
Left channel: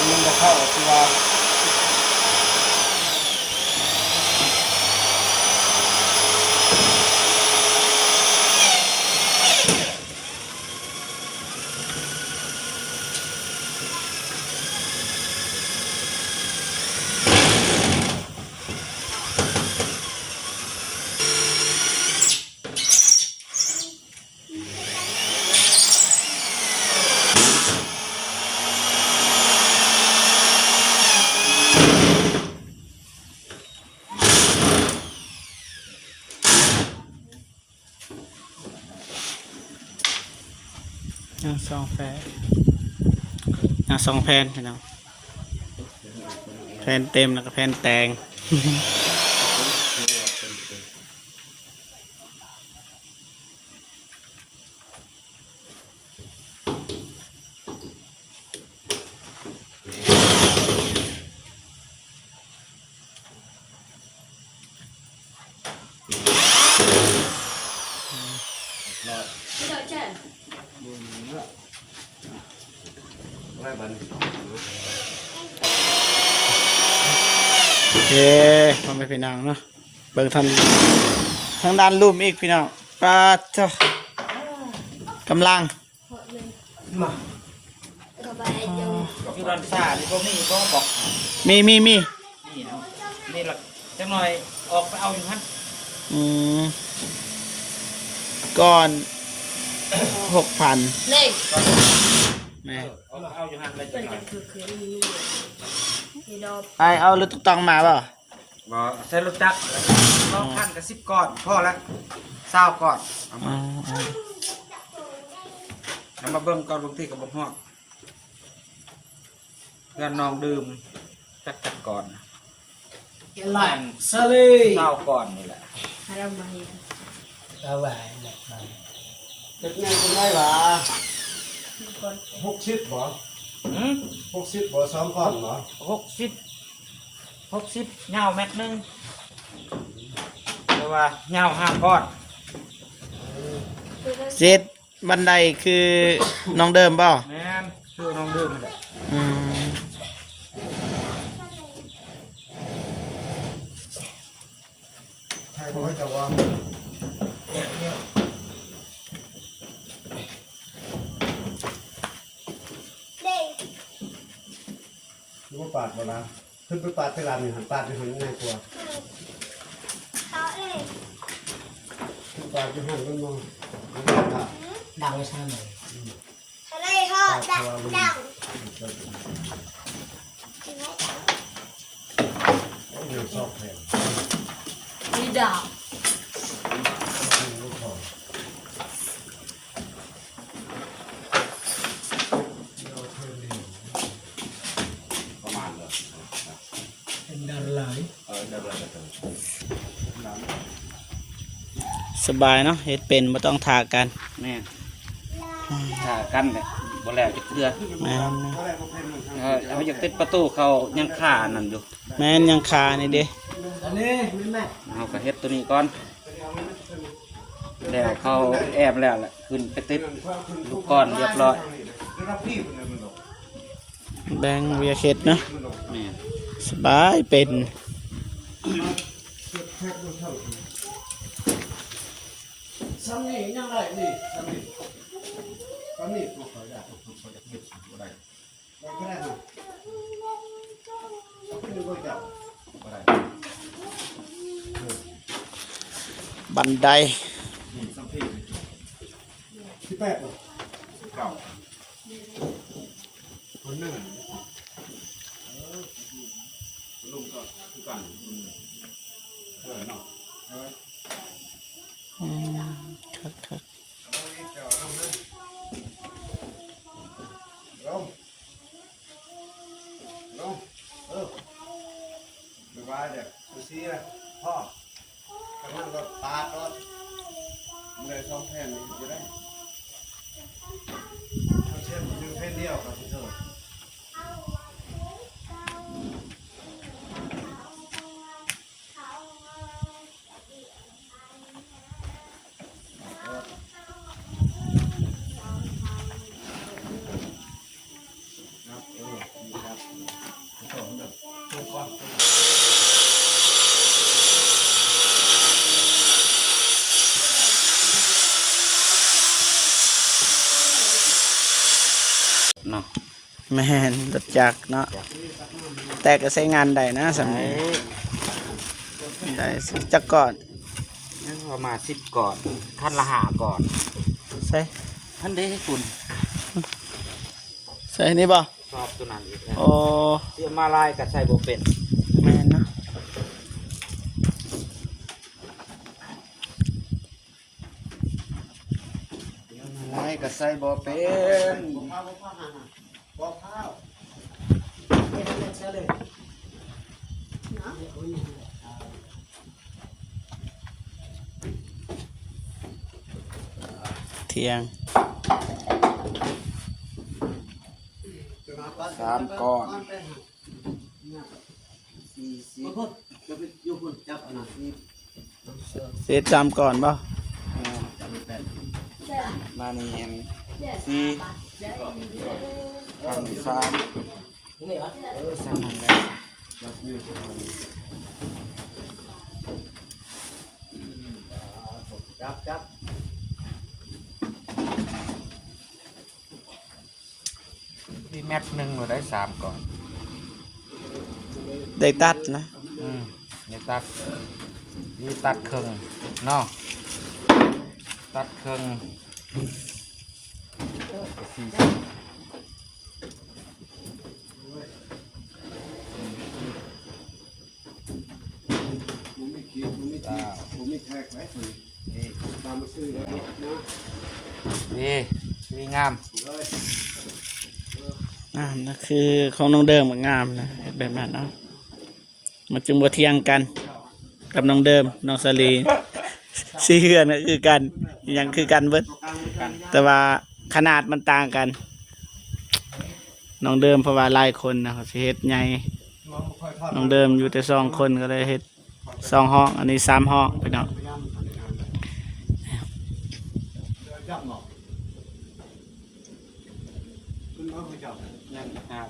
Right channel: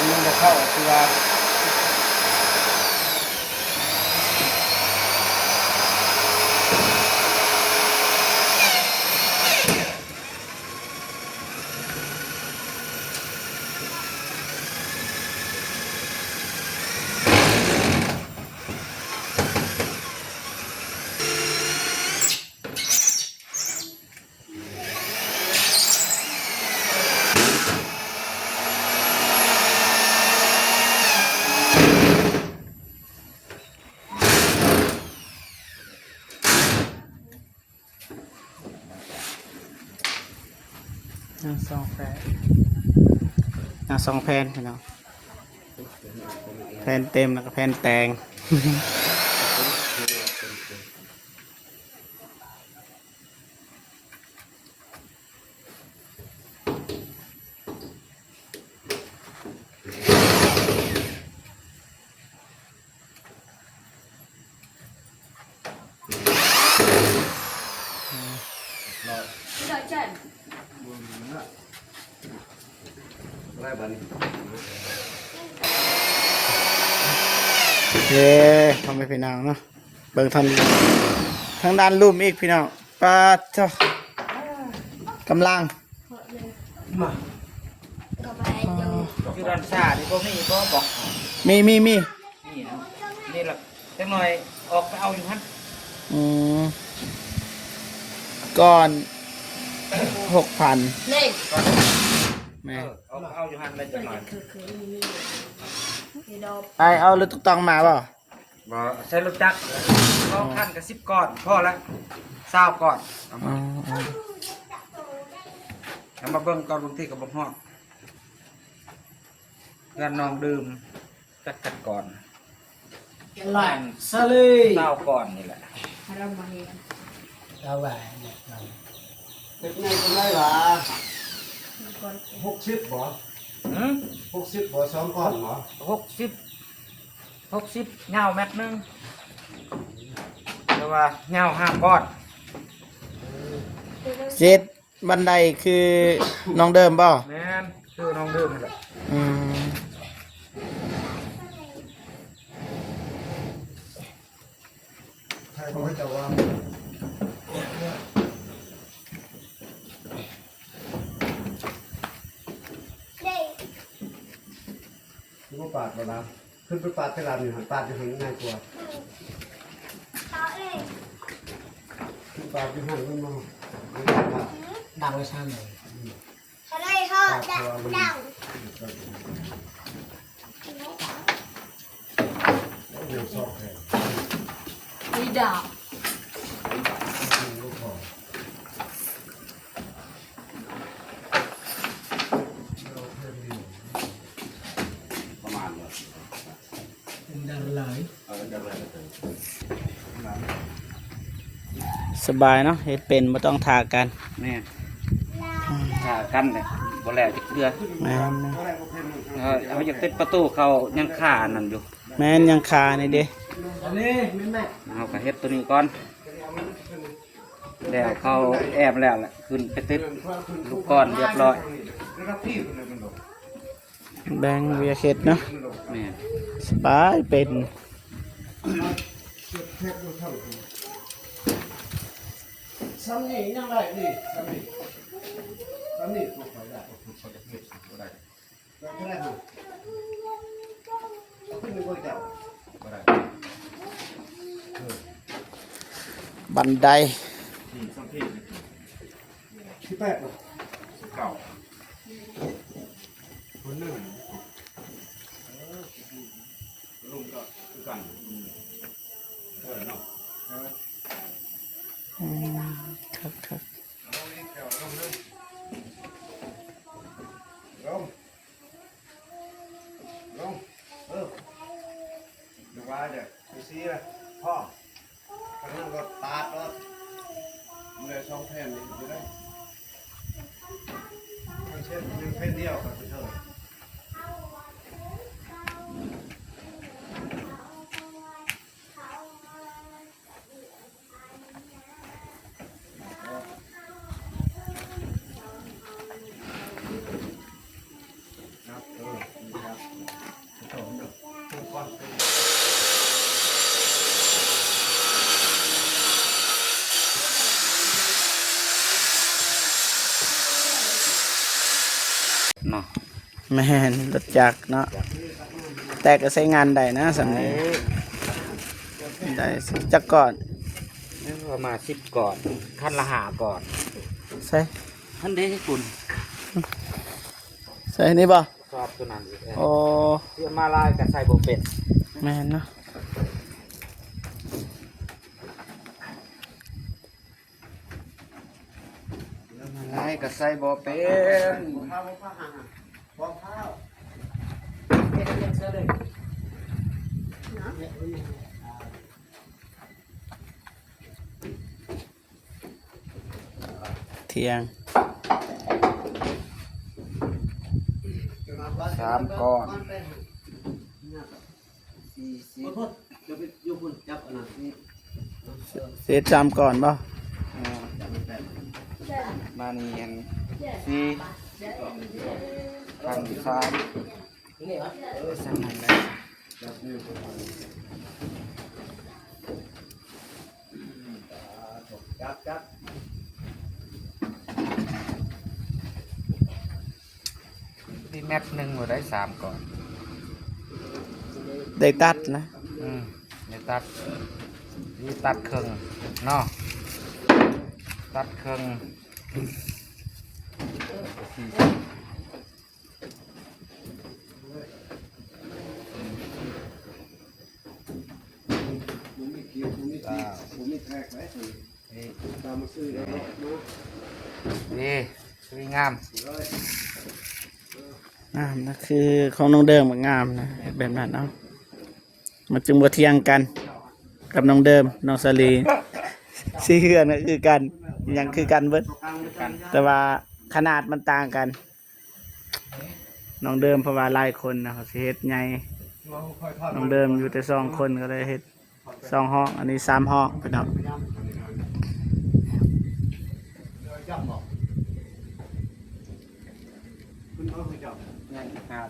มันจะเข้าตัว ยังสองแผ่นยังสองแผ่นพี่น้องแผ่นเต็มแล้วก็แผ่นแตง Trời trời ได้บัน โอเคทำให้พี่น้องเนาะเบิ่งทันทางด้านรูปอีกพี่น้องปาเจ้ากำลัง Có bài dùng อยู่บ้านซ่าที่บ่มีก็บอก มี นี่นะนี่ล่ะจังหน่อยออกไปเอาอยู่ฮะ อืมก่อน 6,000 Lên แม่ ออกไปเอาอยู่ฮะไม่จังหน่อย Thì đâu ไอเอารถตุ๊กตองมาเปล่า บ่ใช้รถจักรเอาพันกับ10ก้อนพอละ20ก้อนเอา อ๋อ มาเอามาเบิ่งก่อนบางทีก็บ่ฮอดงานน้องดื่มจักก่อน Loạn sơ ly. 20ก้อนนี่แหละ Đâu mà hiểu Wah, เด็กนี่เป็นไงล่ะ Con 60บ่ หืม 60บ่2ก้อนบ่ 60ยาวเม็ดหนึงแต่ว่ายาว5ก้อน เจ็ดบันไดคือน้องเดิมเปล่า แม่นคือน้องดื่มนั่นแหละ อืม ใครเขาจะว่า ว่าปาดบ่นะขึ้นไปปาดตะลานนี่หันปาดอยู่หันง่ายกว่า ปากจะหันมันมา ดังเลยใช่ไหม ทะเลทอดดัง เดี๋ยวชอบแทน ดีดาว ประมาณเลย เป็นดาวไหล ได้เวลาจะถึง สบายเนาะเฮ็ดเป็นบ่ต้องทากัน แม่หากันเลยบ่แล้วจะเกลือ แม่นนะ เอาอยากติดประตูเขายังขานั่นอยู่ แม่นยังคานี่เด้ อันนี้ไม่แม่ เอาก็เฮ็ดตัวนี้ก่อนแล้วเขาแอบแล้วแหละขึ้นไปติดลูกก้อนเรียบร้อย แบงเวียเฮ็ดเนาะ แม่ สบายเป็น ซ้ำนี่ยังไรนี่ซ้ำนี่ถูกเขาได้ถูกเขาได้ได้แล้วก็ได้ฮะขึ้นไปก็เจ้าได้ บันได ซ้ำที่แปดเข่าคนนั่งลงก็กันเนาะ ครับครับ ลงดูว่าเดี๋ยวไปซีเลยพ่อไปนั่งรถตาดรถมันเลยสองแผ่นจะได้มันเช่นหนึ่งแผ่นเดียวกับไปเถอะ เนาะ แม่นรู้จักเนาะแต่ก็ใช้งานได้นะสำนี้ได้สิจักก่อน นี่ประมาณ10ก่อนขั้นละหาก่อน ใส่ ท่านได้ที่คุณ ใส่นี่บ่ ชอบตัวนั้นอยู่แท้ โอ้ เสื้อมาลายกับใส่บ่เป็ด แม่นเนาะ มาลายกับใส่บ่เป็น เที่ยง 3ก่อน เสียจำก่อนบ่ มาเนียน4ขั้นนี่แมทหนึ่งหมดได้3ก่อน ได้ตัดนะ นี่ตัดนี่ตัดครึ่งเนาะตัดครึ่งนี่สวยงาม นะคือของน้องเดิมมันงามนะแบบนั้นเนาะมันจึงบ่เที่ยงกัน กับน้องเดิมน้องสลีสี่เฮือนก็คือกันอหยังคือกันเบิดแต่ว่าขนาดมันต่างกัน น้องเดิมเพราะว่าหลายคนนะเขาสิเฮ็ดใหญ่น้องเดิมอยู่แต่2คนก็เลยเฮ็ด2ห้องอันนี้3ห้องพี่น้อง ยัง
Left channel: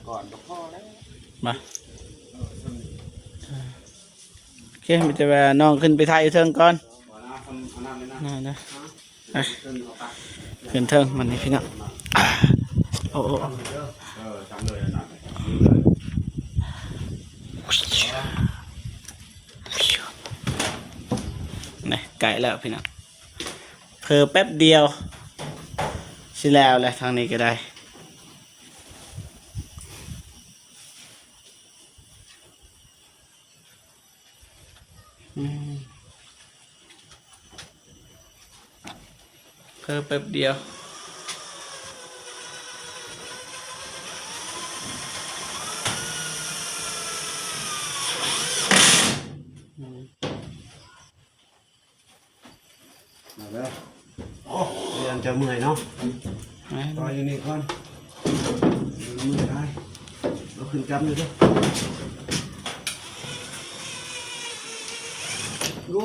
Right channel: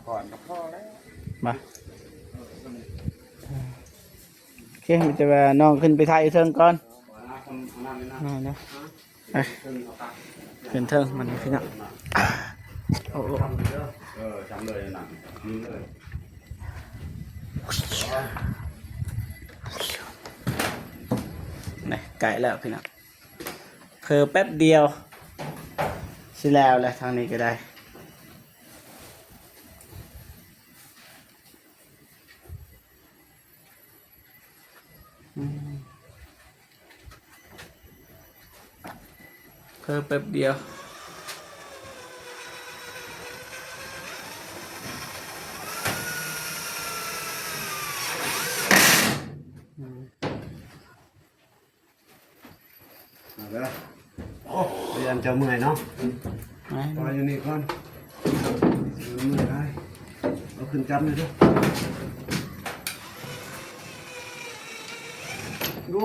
ก่อนก็พอแล้ว มาโอเคมีแต่ว่าน้องขึ้นไปถ่ายอยู่เทิงก่อนนะไปขึ้นเทิงมันนี่พี่น้องโอ้โอ้ จำเลยนะ นี่ไก่แล้วพี่น้อง อแป๊บเดียวสิแล้วแหละทางนี้ก็ได้เพิ่มแป๊บเดียวเอาละโอ้เรียนจะเมื่อยเนาะตอนอยู่นี่ก่อนเมื่อยได้เอาขึ้นจับเลยเด้อโอ้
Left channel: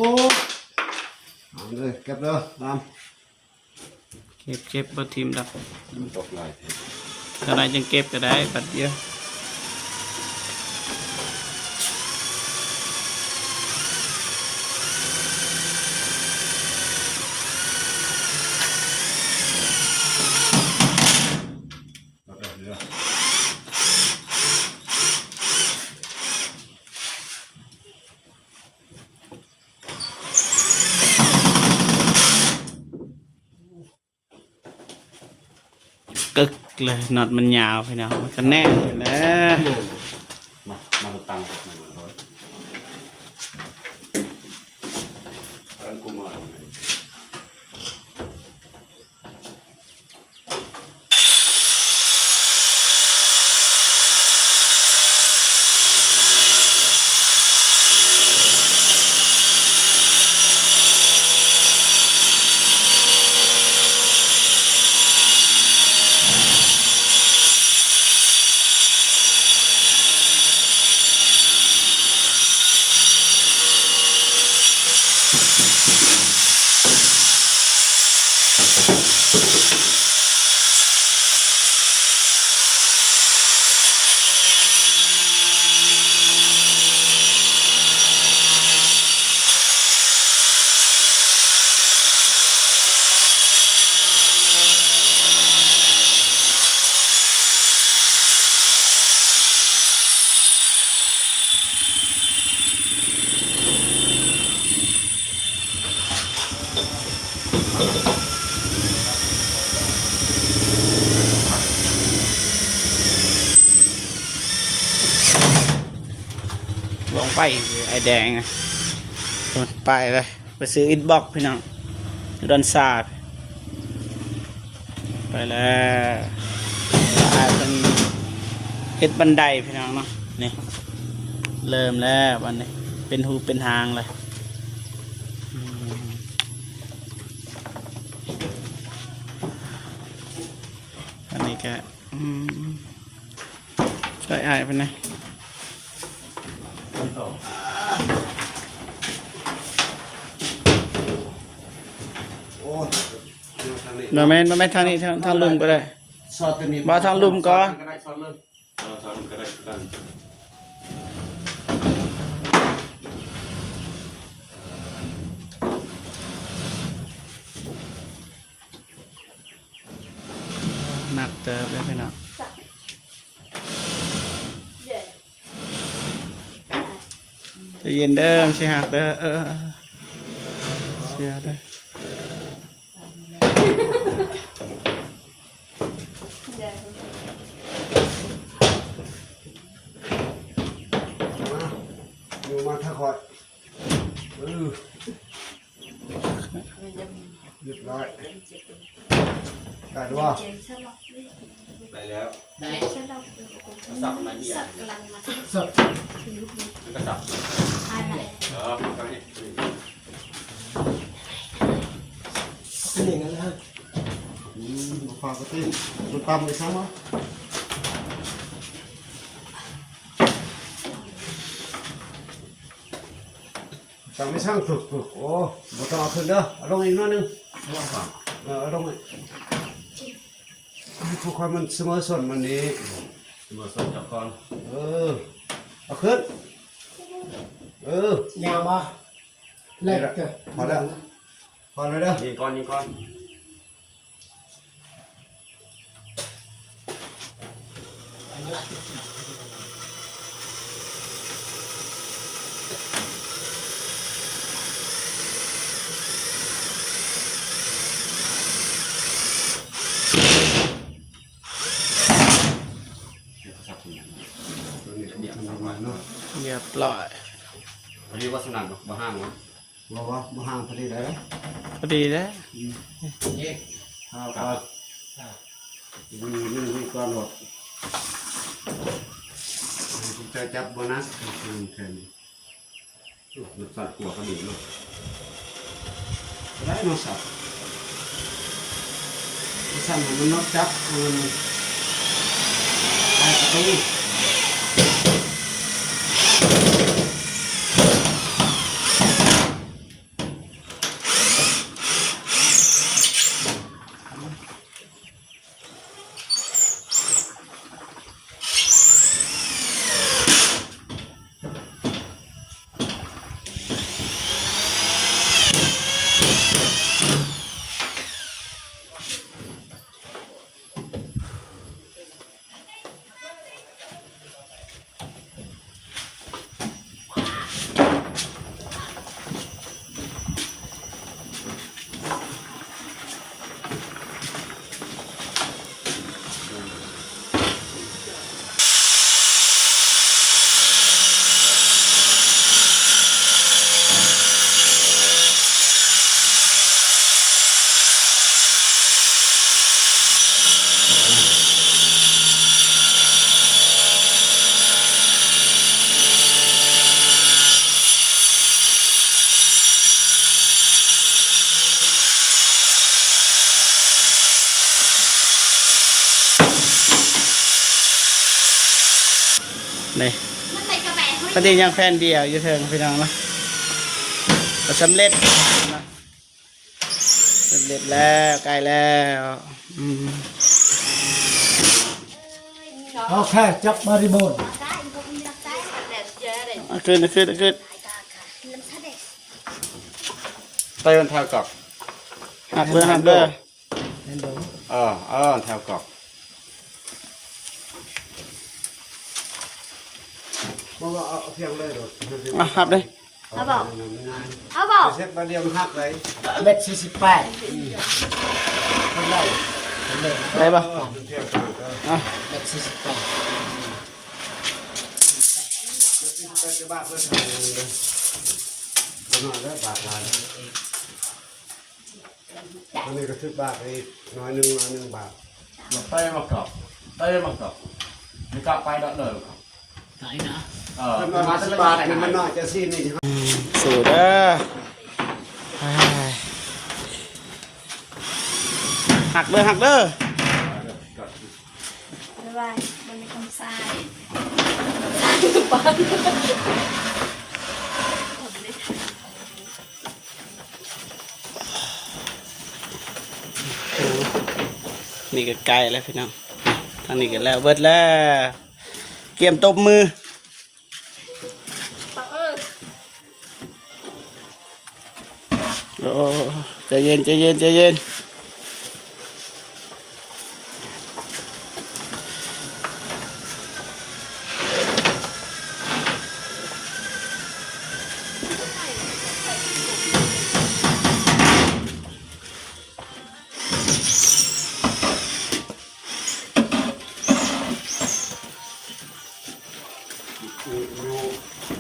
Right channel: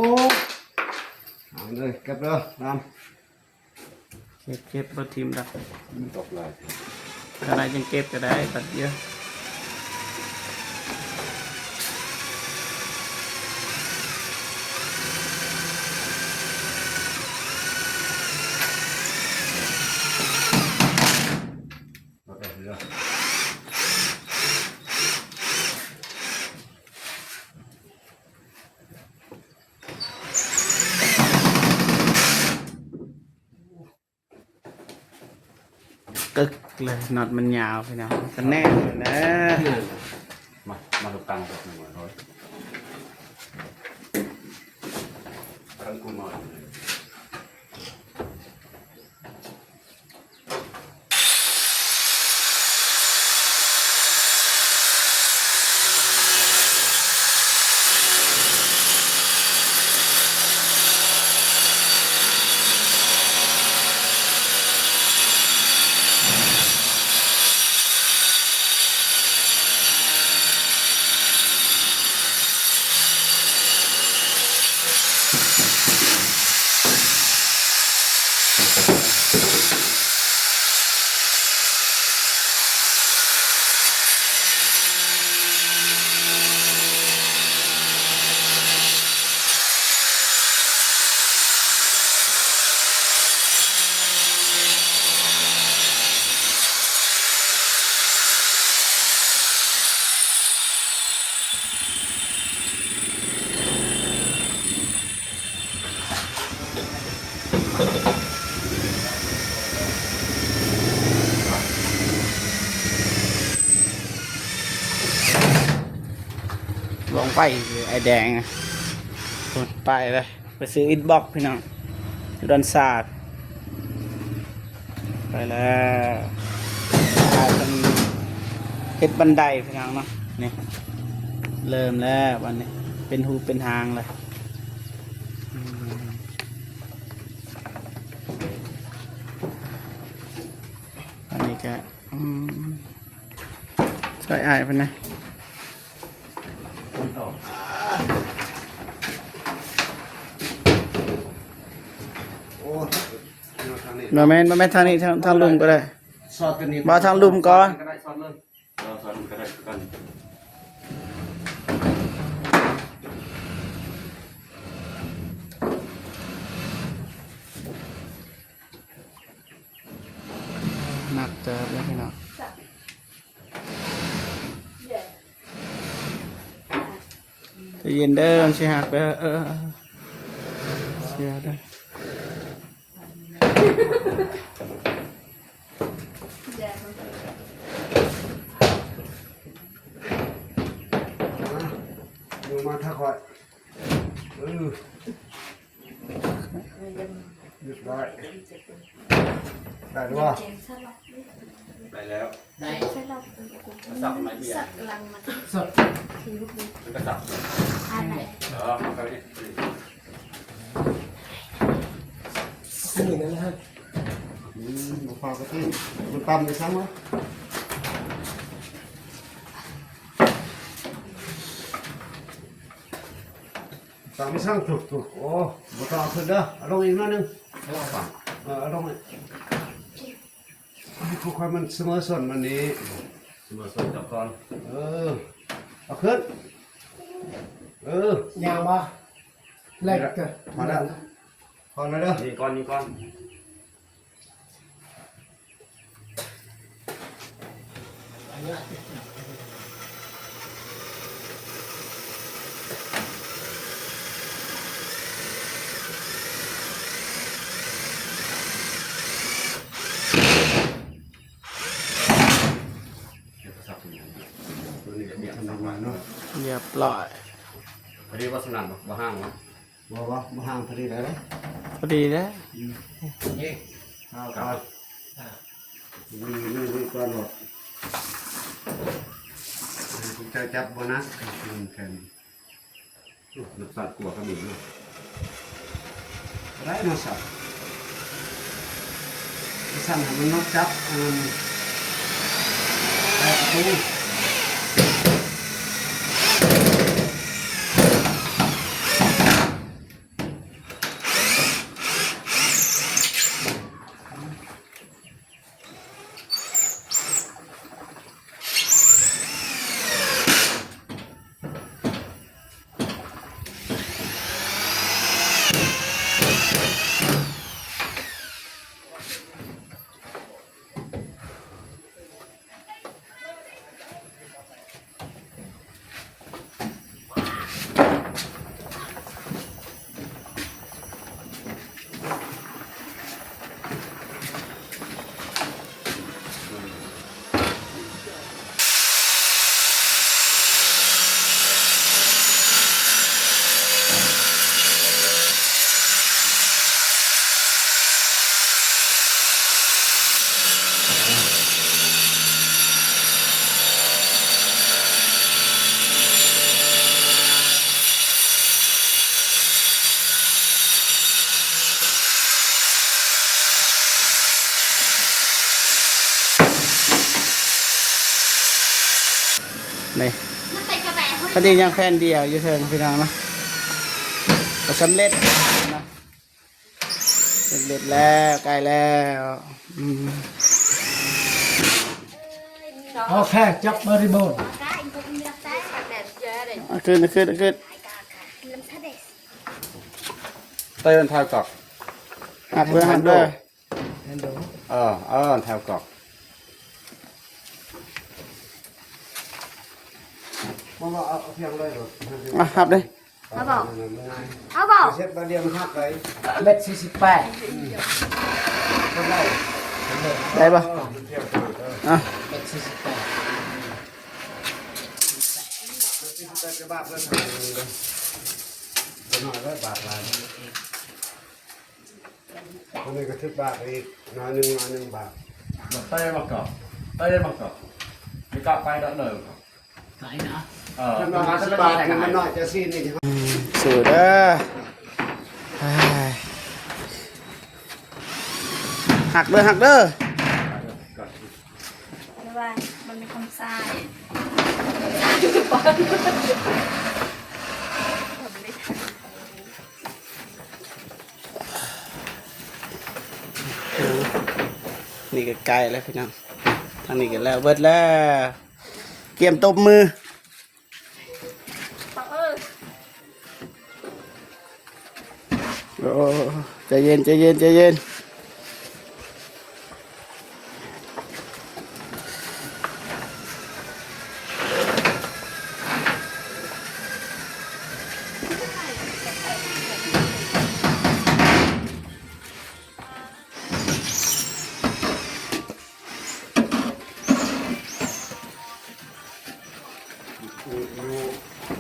เอาเลยเก็บเลยตาม เก็บบ่ทิมดอก ตกลาย ก็ได้จังเก็บก็ได้ปัดเดียวกึกเลยน็อตมันยาวพี่น้องมันก็แน่นนะ มาตังกับมันมาเลยตังกูมา ลองไปไอแดงสุดไปเลยไปซื้ออินบ็อกพี่น้องดอนศาสตร์ไปแล้วเฮ็ดบันไดพี่น้องเนาะนี่เริ่มแล้ววันนี้เป็นหูเป็นหางเลยอันนี้ก็ใส่ไอ้ายไปนะโนแมนทางนี้ทางลุมก็ได้ สอดกันนี่ มาทางลุมก่อน ก็ได้สอดเลย เราทำก็ได้กัน หนักเติมนะพี่น้องใจเย็นเด้อสิหักเด้อเสียเด้อ อยู่มาทักคอยหยุดร้อยได้หรือเปล่า ได้แล้ว ได้ สับอะไรที่อ่ะ สด มันก็สับมันก็นี่ นี่กันแล้ว มาฝากกระติ้งมันปั๊มไปซ้ำมั้งสามไม่ช่างถูกโอ้มาต่อขึ้นเด้อเอาลงอีกหน่อยนึงเอาลงเลยทุกคนมันเสมอส่วนมันนี้ มาส่งจับคอน เอาขึ้นยางวะเล็กเกิน พอแล้วพอแล้วเด้อ ยิงก้อนยิงก้อน ร้อย พอดีว่าสนั่นบ่ห้างวะ บอกว่ามาห่างพอดีเลย พอดีนะ เอานี่ก็หลดจะจับโบนัสเทนมันสั่นกลัวเขาหนีมาไรมาสั่นสั่นมันนกจับไอ้ตู้ นี่พอดียังแผ่นเดียวอยู่เถิงพี่น้องเนาะก็สำเร็จนะสำเร็จแล้วใกล้แล้วโอเคจบบริบูรณ์ ขึ้นใต้มันเท้ากอก หักเบอร์ เท้ากอกมาบอกเอาเพียงเลยหรอ หักเลย เอาบอกเอาบอก เช็ดมาเดียวมันหักไป เม็ด48ทำได้ ได้ปะ เม็ด48 จะบ้าเพื่อทำเลยจะนอนแล้วบาดลานอันนี้ก็ทึกบาดอีกน้อยหนึ่งบาท ใต้มากอกไม่กอกไปแล้วเลย ไหนนะ มันมา10 บาทมันน้อยจะซี่นี่ สูงแล้วหักเด้อ ไม่ว่ามันเป็นคำทรายนี่ก็ไกลแล้วพี่น้องทางนี้ก็แล้วเบิดแล้วเกี่ยมตบมือโอ้ใจเย็นอ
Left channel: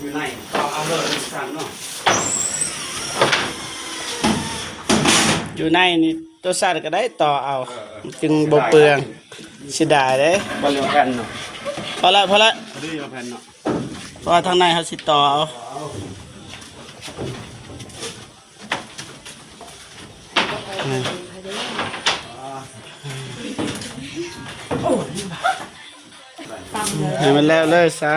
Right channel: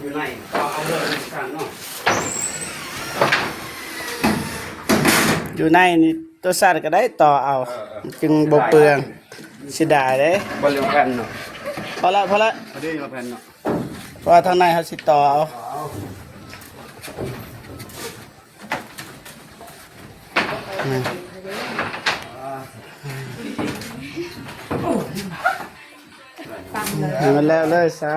ยู่ไหนก็เอาเลยสั่งเนาะ อยู่ในนี่ตัวสัตว์ก็ได้ต่อเอาจึงบ่เปลืองสิดาเด้ บอลเลียวกันเนาะ พอละ พอดีมาแผ่นเนาะ เพราะว่าทางในเขาสิต่อเอาให้มันแล้วเลยซะ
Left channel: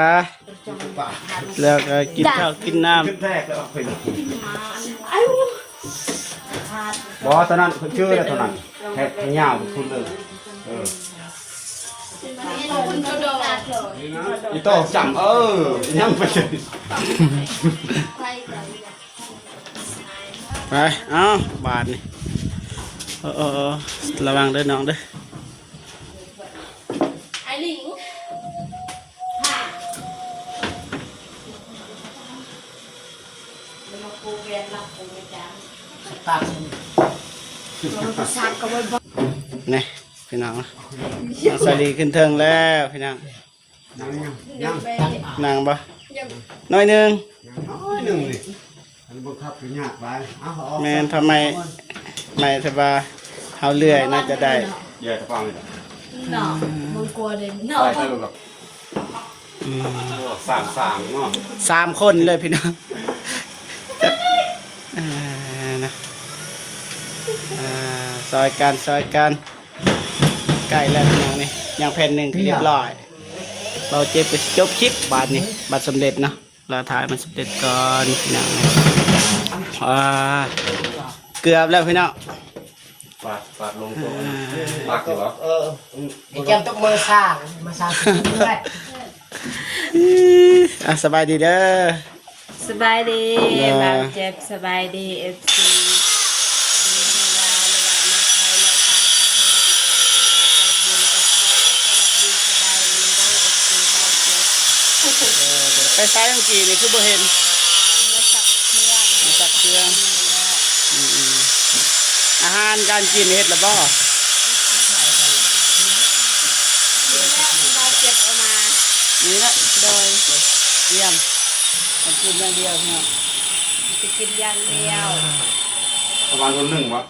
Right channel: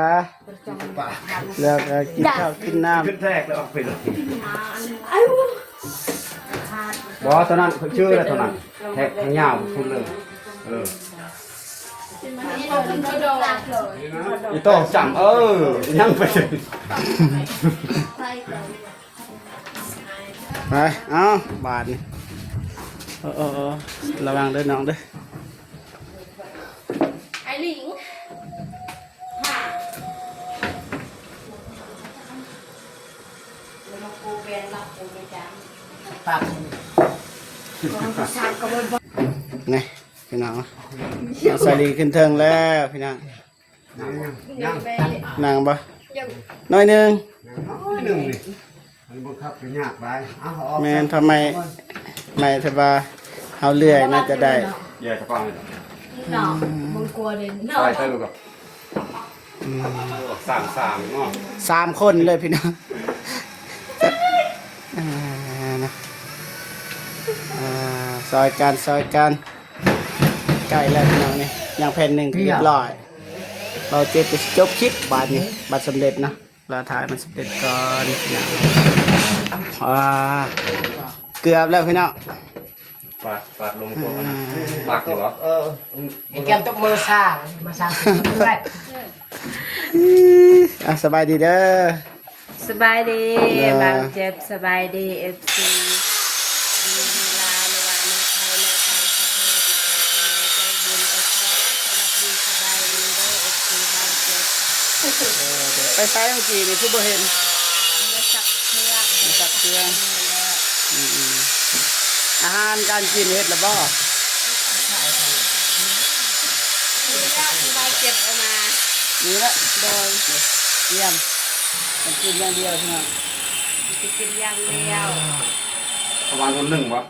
แล้วก็กินข้าวกินน้ ขึ้นแรกแล้วเป็นอ๋อตอนนั้นคนชื่ออะไรตอนนั้นแค่ยามคุณเลยอีโต้จังยังไปเลย ำไปเอาบาทนี่ระวังเด้อน้องเด้อ ไอ้หลิง ตัด นี่พี่น้องสวัสดีขึ้นเทิงแล้วพี่น้อง ยัง นั่งปะ น้อยหนึง น้อยหนึ่งนี่มันบังคับไปยากไปเอาออก แม่นทำไมไม่ถ้าว่าเฮาเลื่อยน่าจะได้ แย่กระเป๋าเลย เนาะมึงกลัวเลยเนาะ ใช่ใช่ลูกครับสามเนาะ 3 คนเลยพี่น้องนะซอยกันใกล้แล้วพี่น้องนี่อย่างแผ่นหนึ่งเรียบร้อยเราเจ็บไปจบคลิปบาทนี้บาทสำเร็จเนาะเราถ่ายมันสำเร็จก่อนพี่น้องเกือบแล้วพี่น้อง ปาดลงตัวนะปากอยู่เหรอ ไอ้แก้มต้องมือสร้างด้วย สบายดีเด้อ สบายดีบางเจ็บสบายดี FC ไปใช้เมื่อกี้นี่คือบ่เห็นมีสักเครื่องอาหารการกินเฮ็ดแล้วบ่ เจ็บออกมา นี่ละโดยเยี่ยมกินอย่างเดียวเท่านั้น จะกินอย่างเดียว ประมาณคนหนึ่งวะ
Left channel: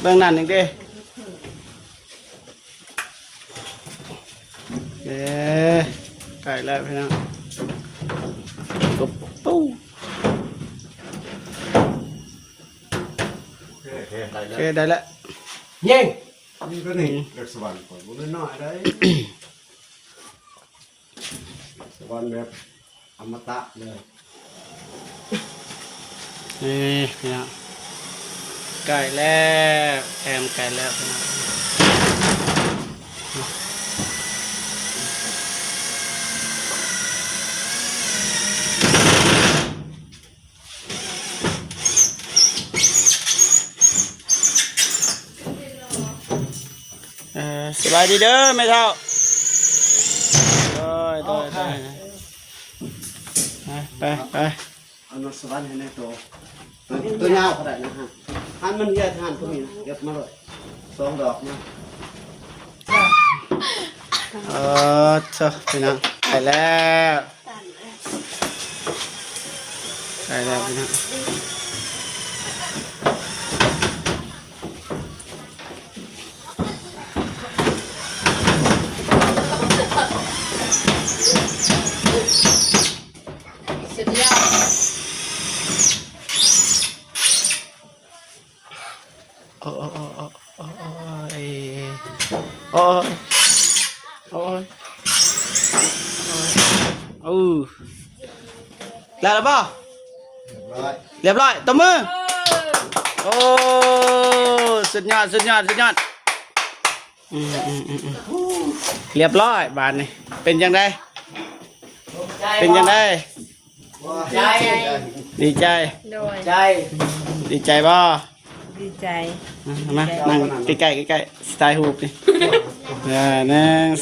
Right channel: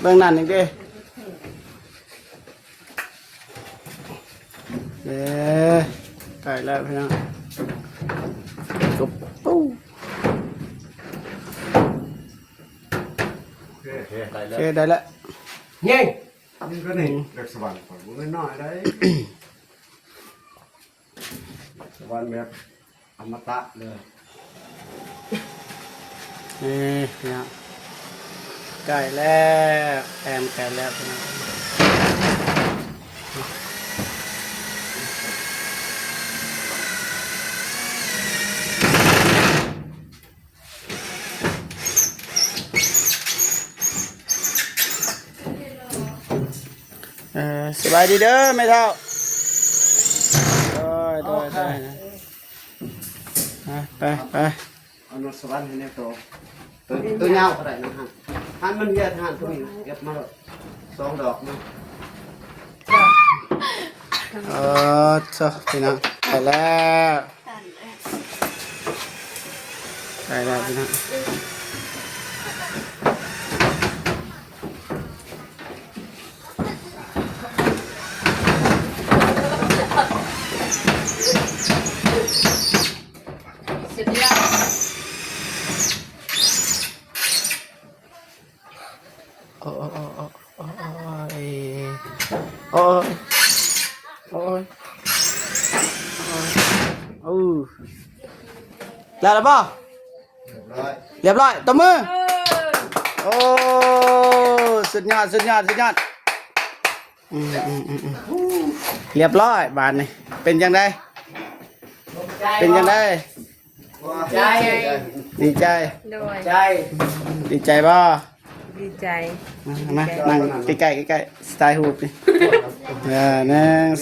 เบื้องนั้นอีกเด้ไปแล้วพี่น้องตุ๊บปู้ โอเคได้ โอ แล้ว เคได้แล้ว ยิง นี่ก็นี่เด็กสวรรค์ก่อนมันน้อยได้สวรรค์แบบอมตะเลย นี่พี่น้องใกล้แล้วแอมใกล้แล้วพี่น้องสบายดีเด้อไม่เท่าโดยไป เอานสวรรค์ให้แน่ตัวยาวขนาดนั้นหันมันเยอะหันพวกนี้นะเก็บมาเลย2 ดอกนะ ชอบพี่น้องไปแล้วพี่น้องแล้วป่ะเรียบร้อยตบมือโอ้สุดยอดเรียบร้อยบานนี่เป็นยังไงดีใจ โดย ใจ ดีใจป่ะ ดีใจ มานั่งใกล้สไตล์ฮูบดิ1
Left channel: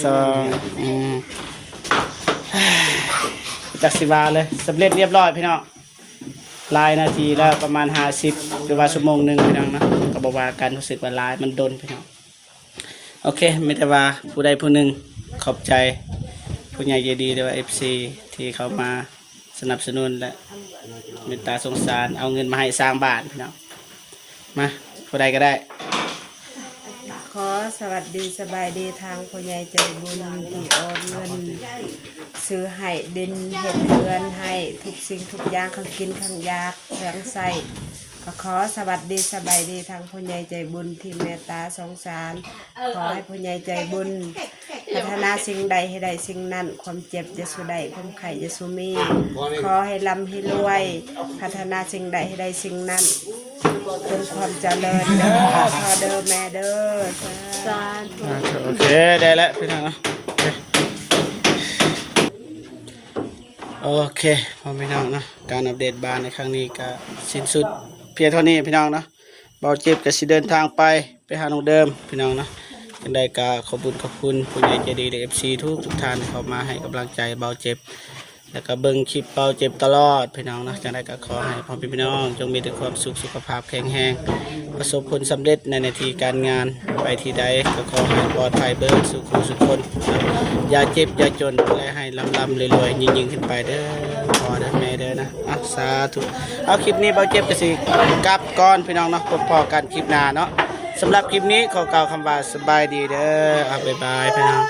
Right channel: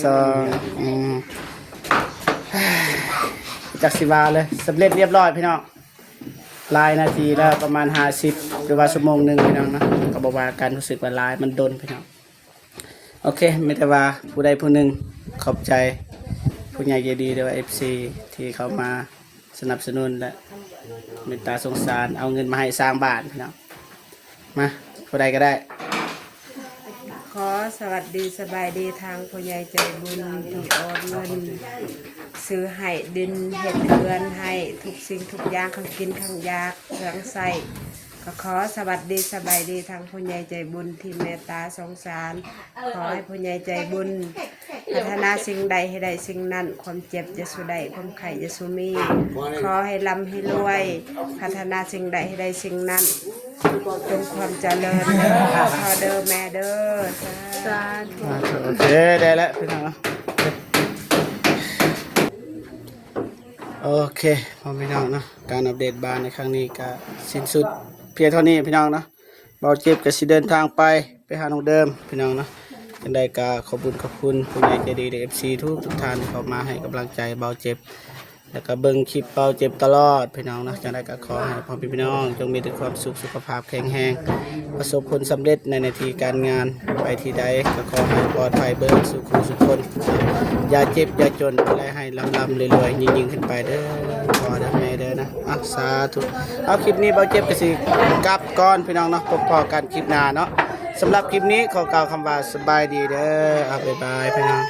2 จาก10 บาทเลยสำเร็จเรียบร้อยพี่น้องลายนาทีละประมาณ50หรือว่าชั่วโมงหนึ่งพี่น้องนะก็บอกว่าการรู้สึกว่าลายมันดนพี่น้องโอเคไม่แต่ว่าผู้ใดผู้หนึ่งขอบใจผู้ใหญ่ใจดีหรือว่า FC ที่เขามาสนับสนุนและเมตตาสงสารเอาเงินมาให้สร้างบ้านพี่น้องมาผู้ใดก็ได้ ขอสวัสดีสบายดีทางพ่อใหญ่ใจบุญที่โอนเงินซื้อให้ดินเห็ดเรือนให้ทุกสิ่งทุกอย่างเขากินข้างยากเครื่องใส่ก็ขอสวัสดีสบายดีทางพ่อใหญ่ใจบุญที่เมตตาสงสารขอให้พ่อใหญ่ใจบุญพัฒนาสิ่งใดให้ได้สิ่งนั้นความเจ็บจะสู้ได้ความไข่จะสู้มีขอให้ร่ำให้รวยพัฒนาสิ่งใดให้ได้สิ่งนั้นเป็นความเจริญขอเด้อแม่เด้อ สาธุ โอเคได้แล้วพี่น้องนะโอเคพอพี่น้องเนาะการอัปเดตบ้านในครั้งนี้ก็สิ้นสุดเพียงเท่านี้พี่น้องเนาะเบาเจ็บก็สิเดินทางไปหาน้องเดิมพี่น้องเนาะยังไงก็ขอบคุณผู้ใหญ่ใจดีและ FC ทุกท่านที่เข้ามาให้กำลังใจเบาเจ็บ แล้วก็เบิ่งคลิปเบาเจ็บตลอดพี่น้องเนาะจังไดก็ขอให้พ่อพี่น้องจงมีแต่ความสุขสุขภาพแข็งแรงประสบผลสำเร็จในหน้าที่การงานไปที่ใดก็ขอให้ปลอดภัยเบิดสุขสุขคนอย่าเจ็บอย่าจนและให้ลำรวยๆยิ่งๆขึ้นไปเด้อขอเด้อแม่เด้อนะสาธุเอาคลิปนี้เบาเจ็บก็สิกลับก่อนพี่น้องเนาะพบกันคลิปหน้าเนาะสำหรับคลิปนี้ขอกล่าวคำว่าสบายดีเด้อบ๊ายบายพี่น้อง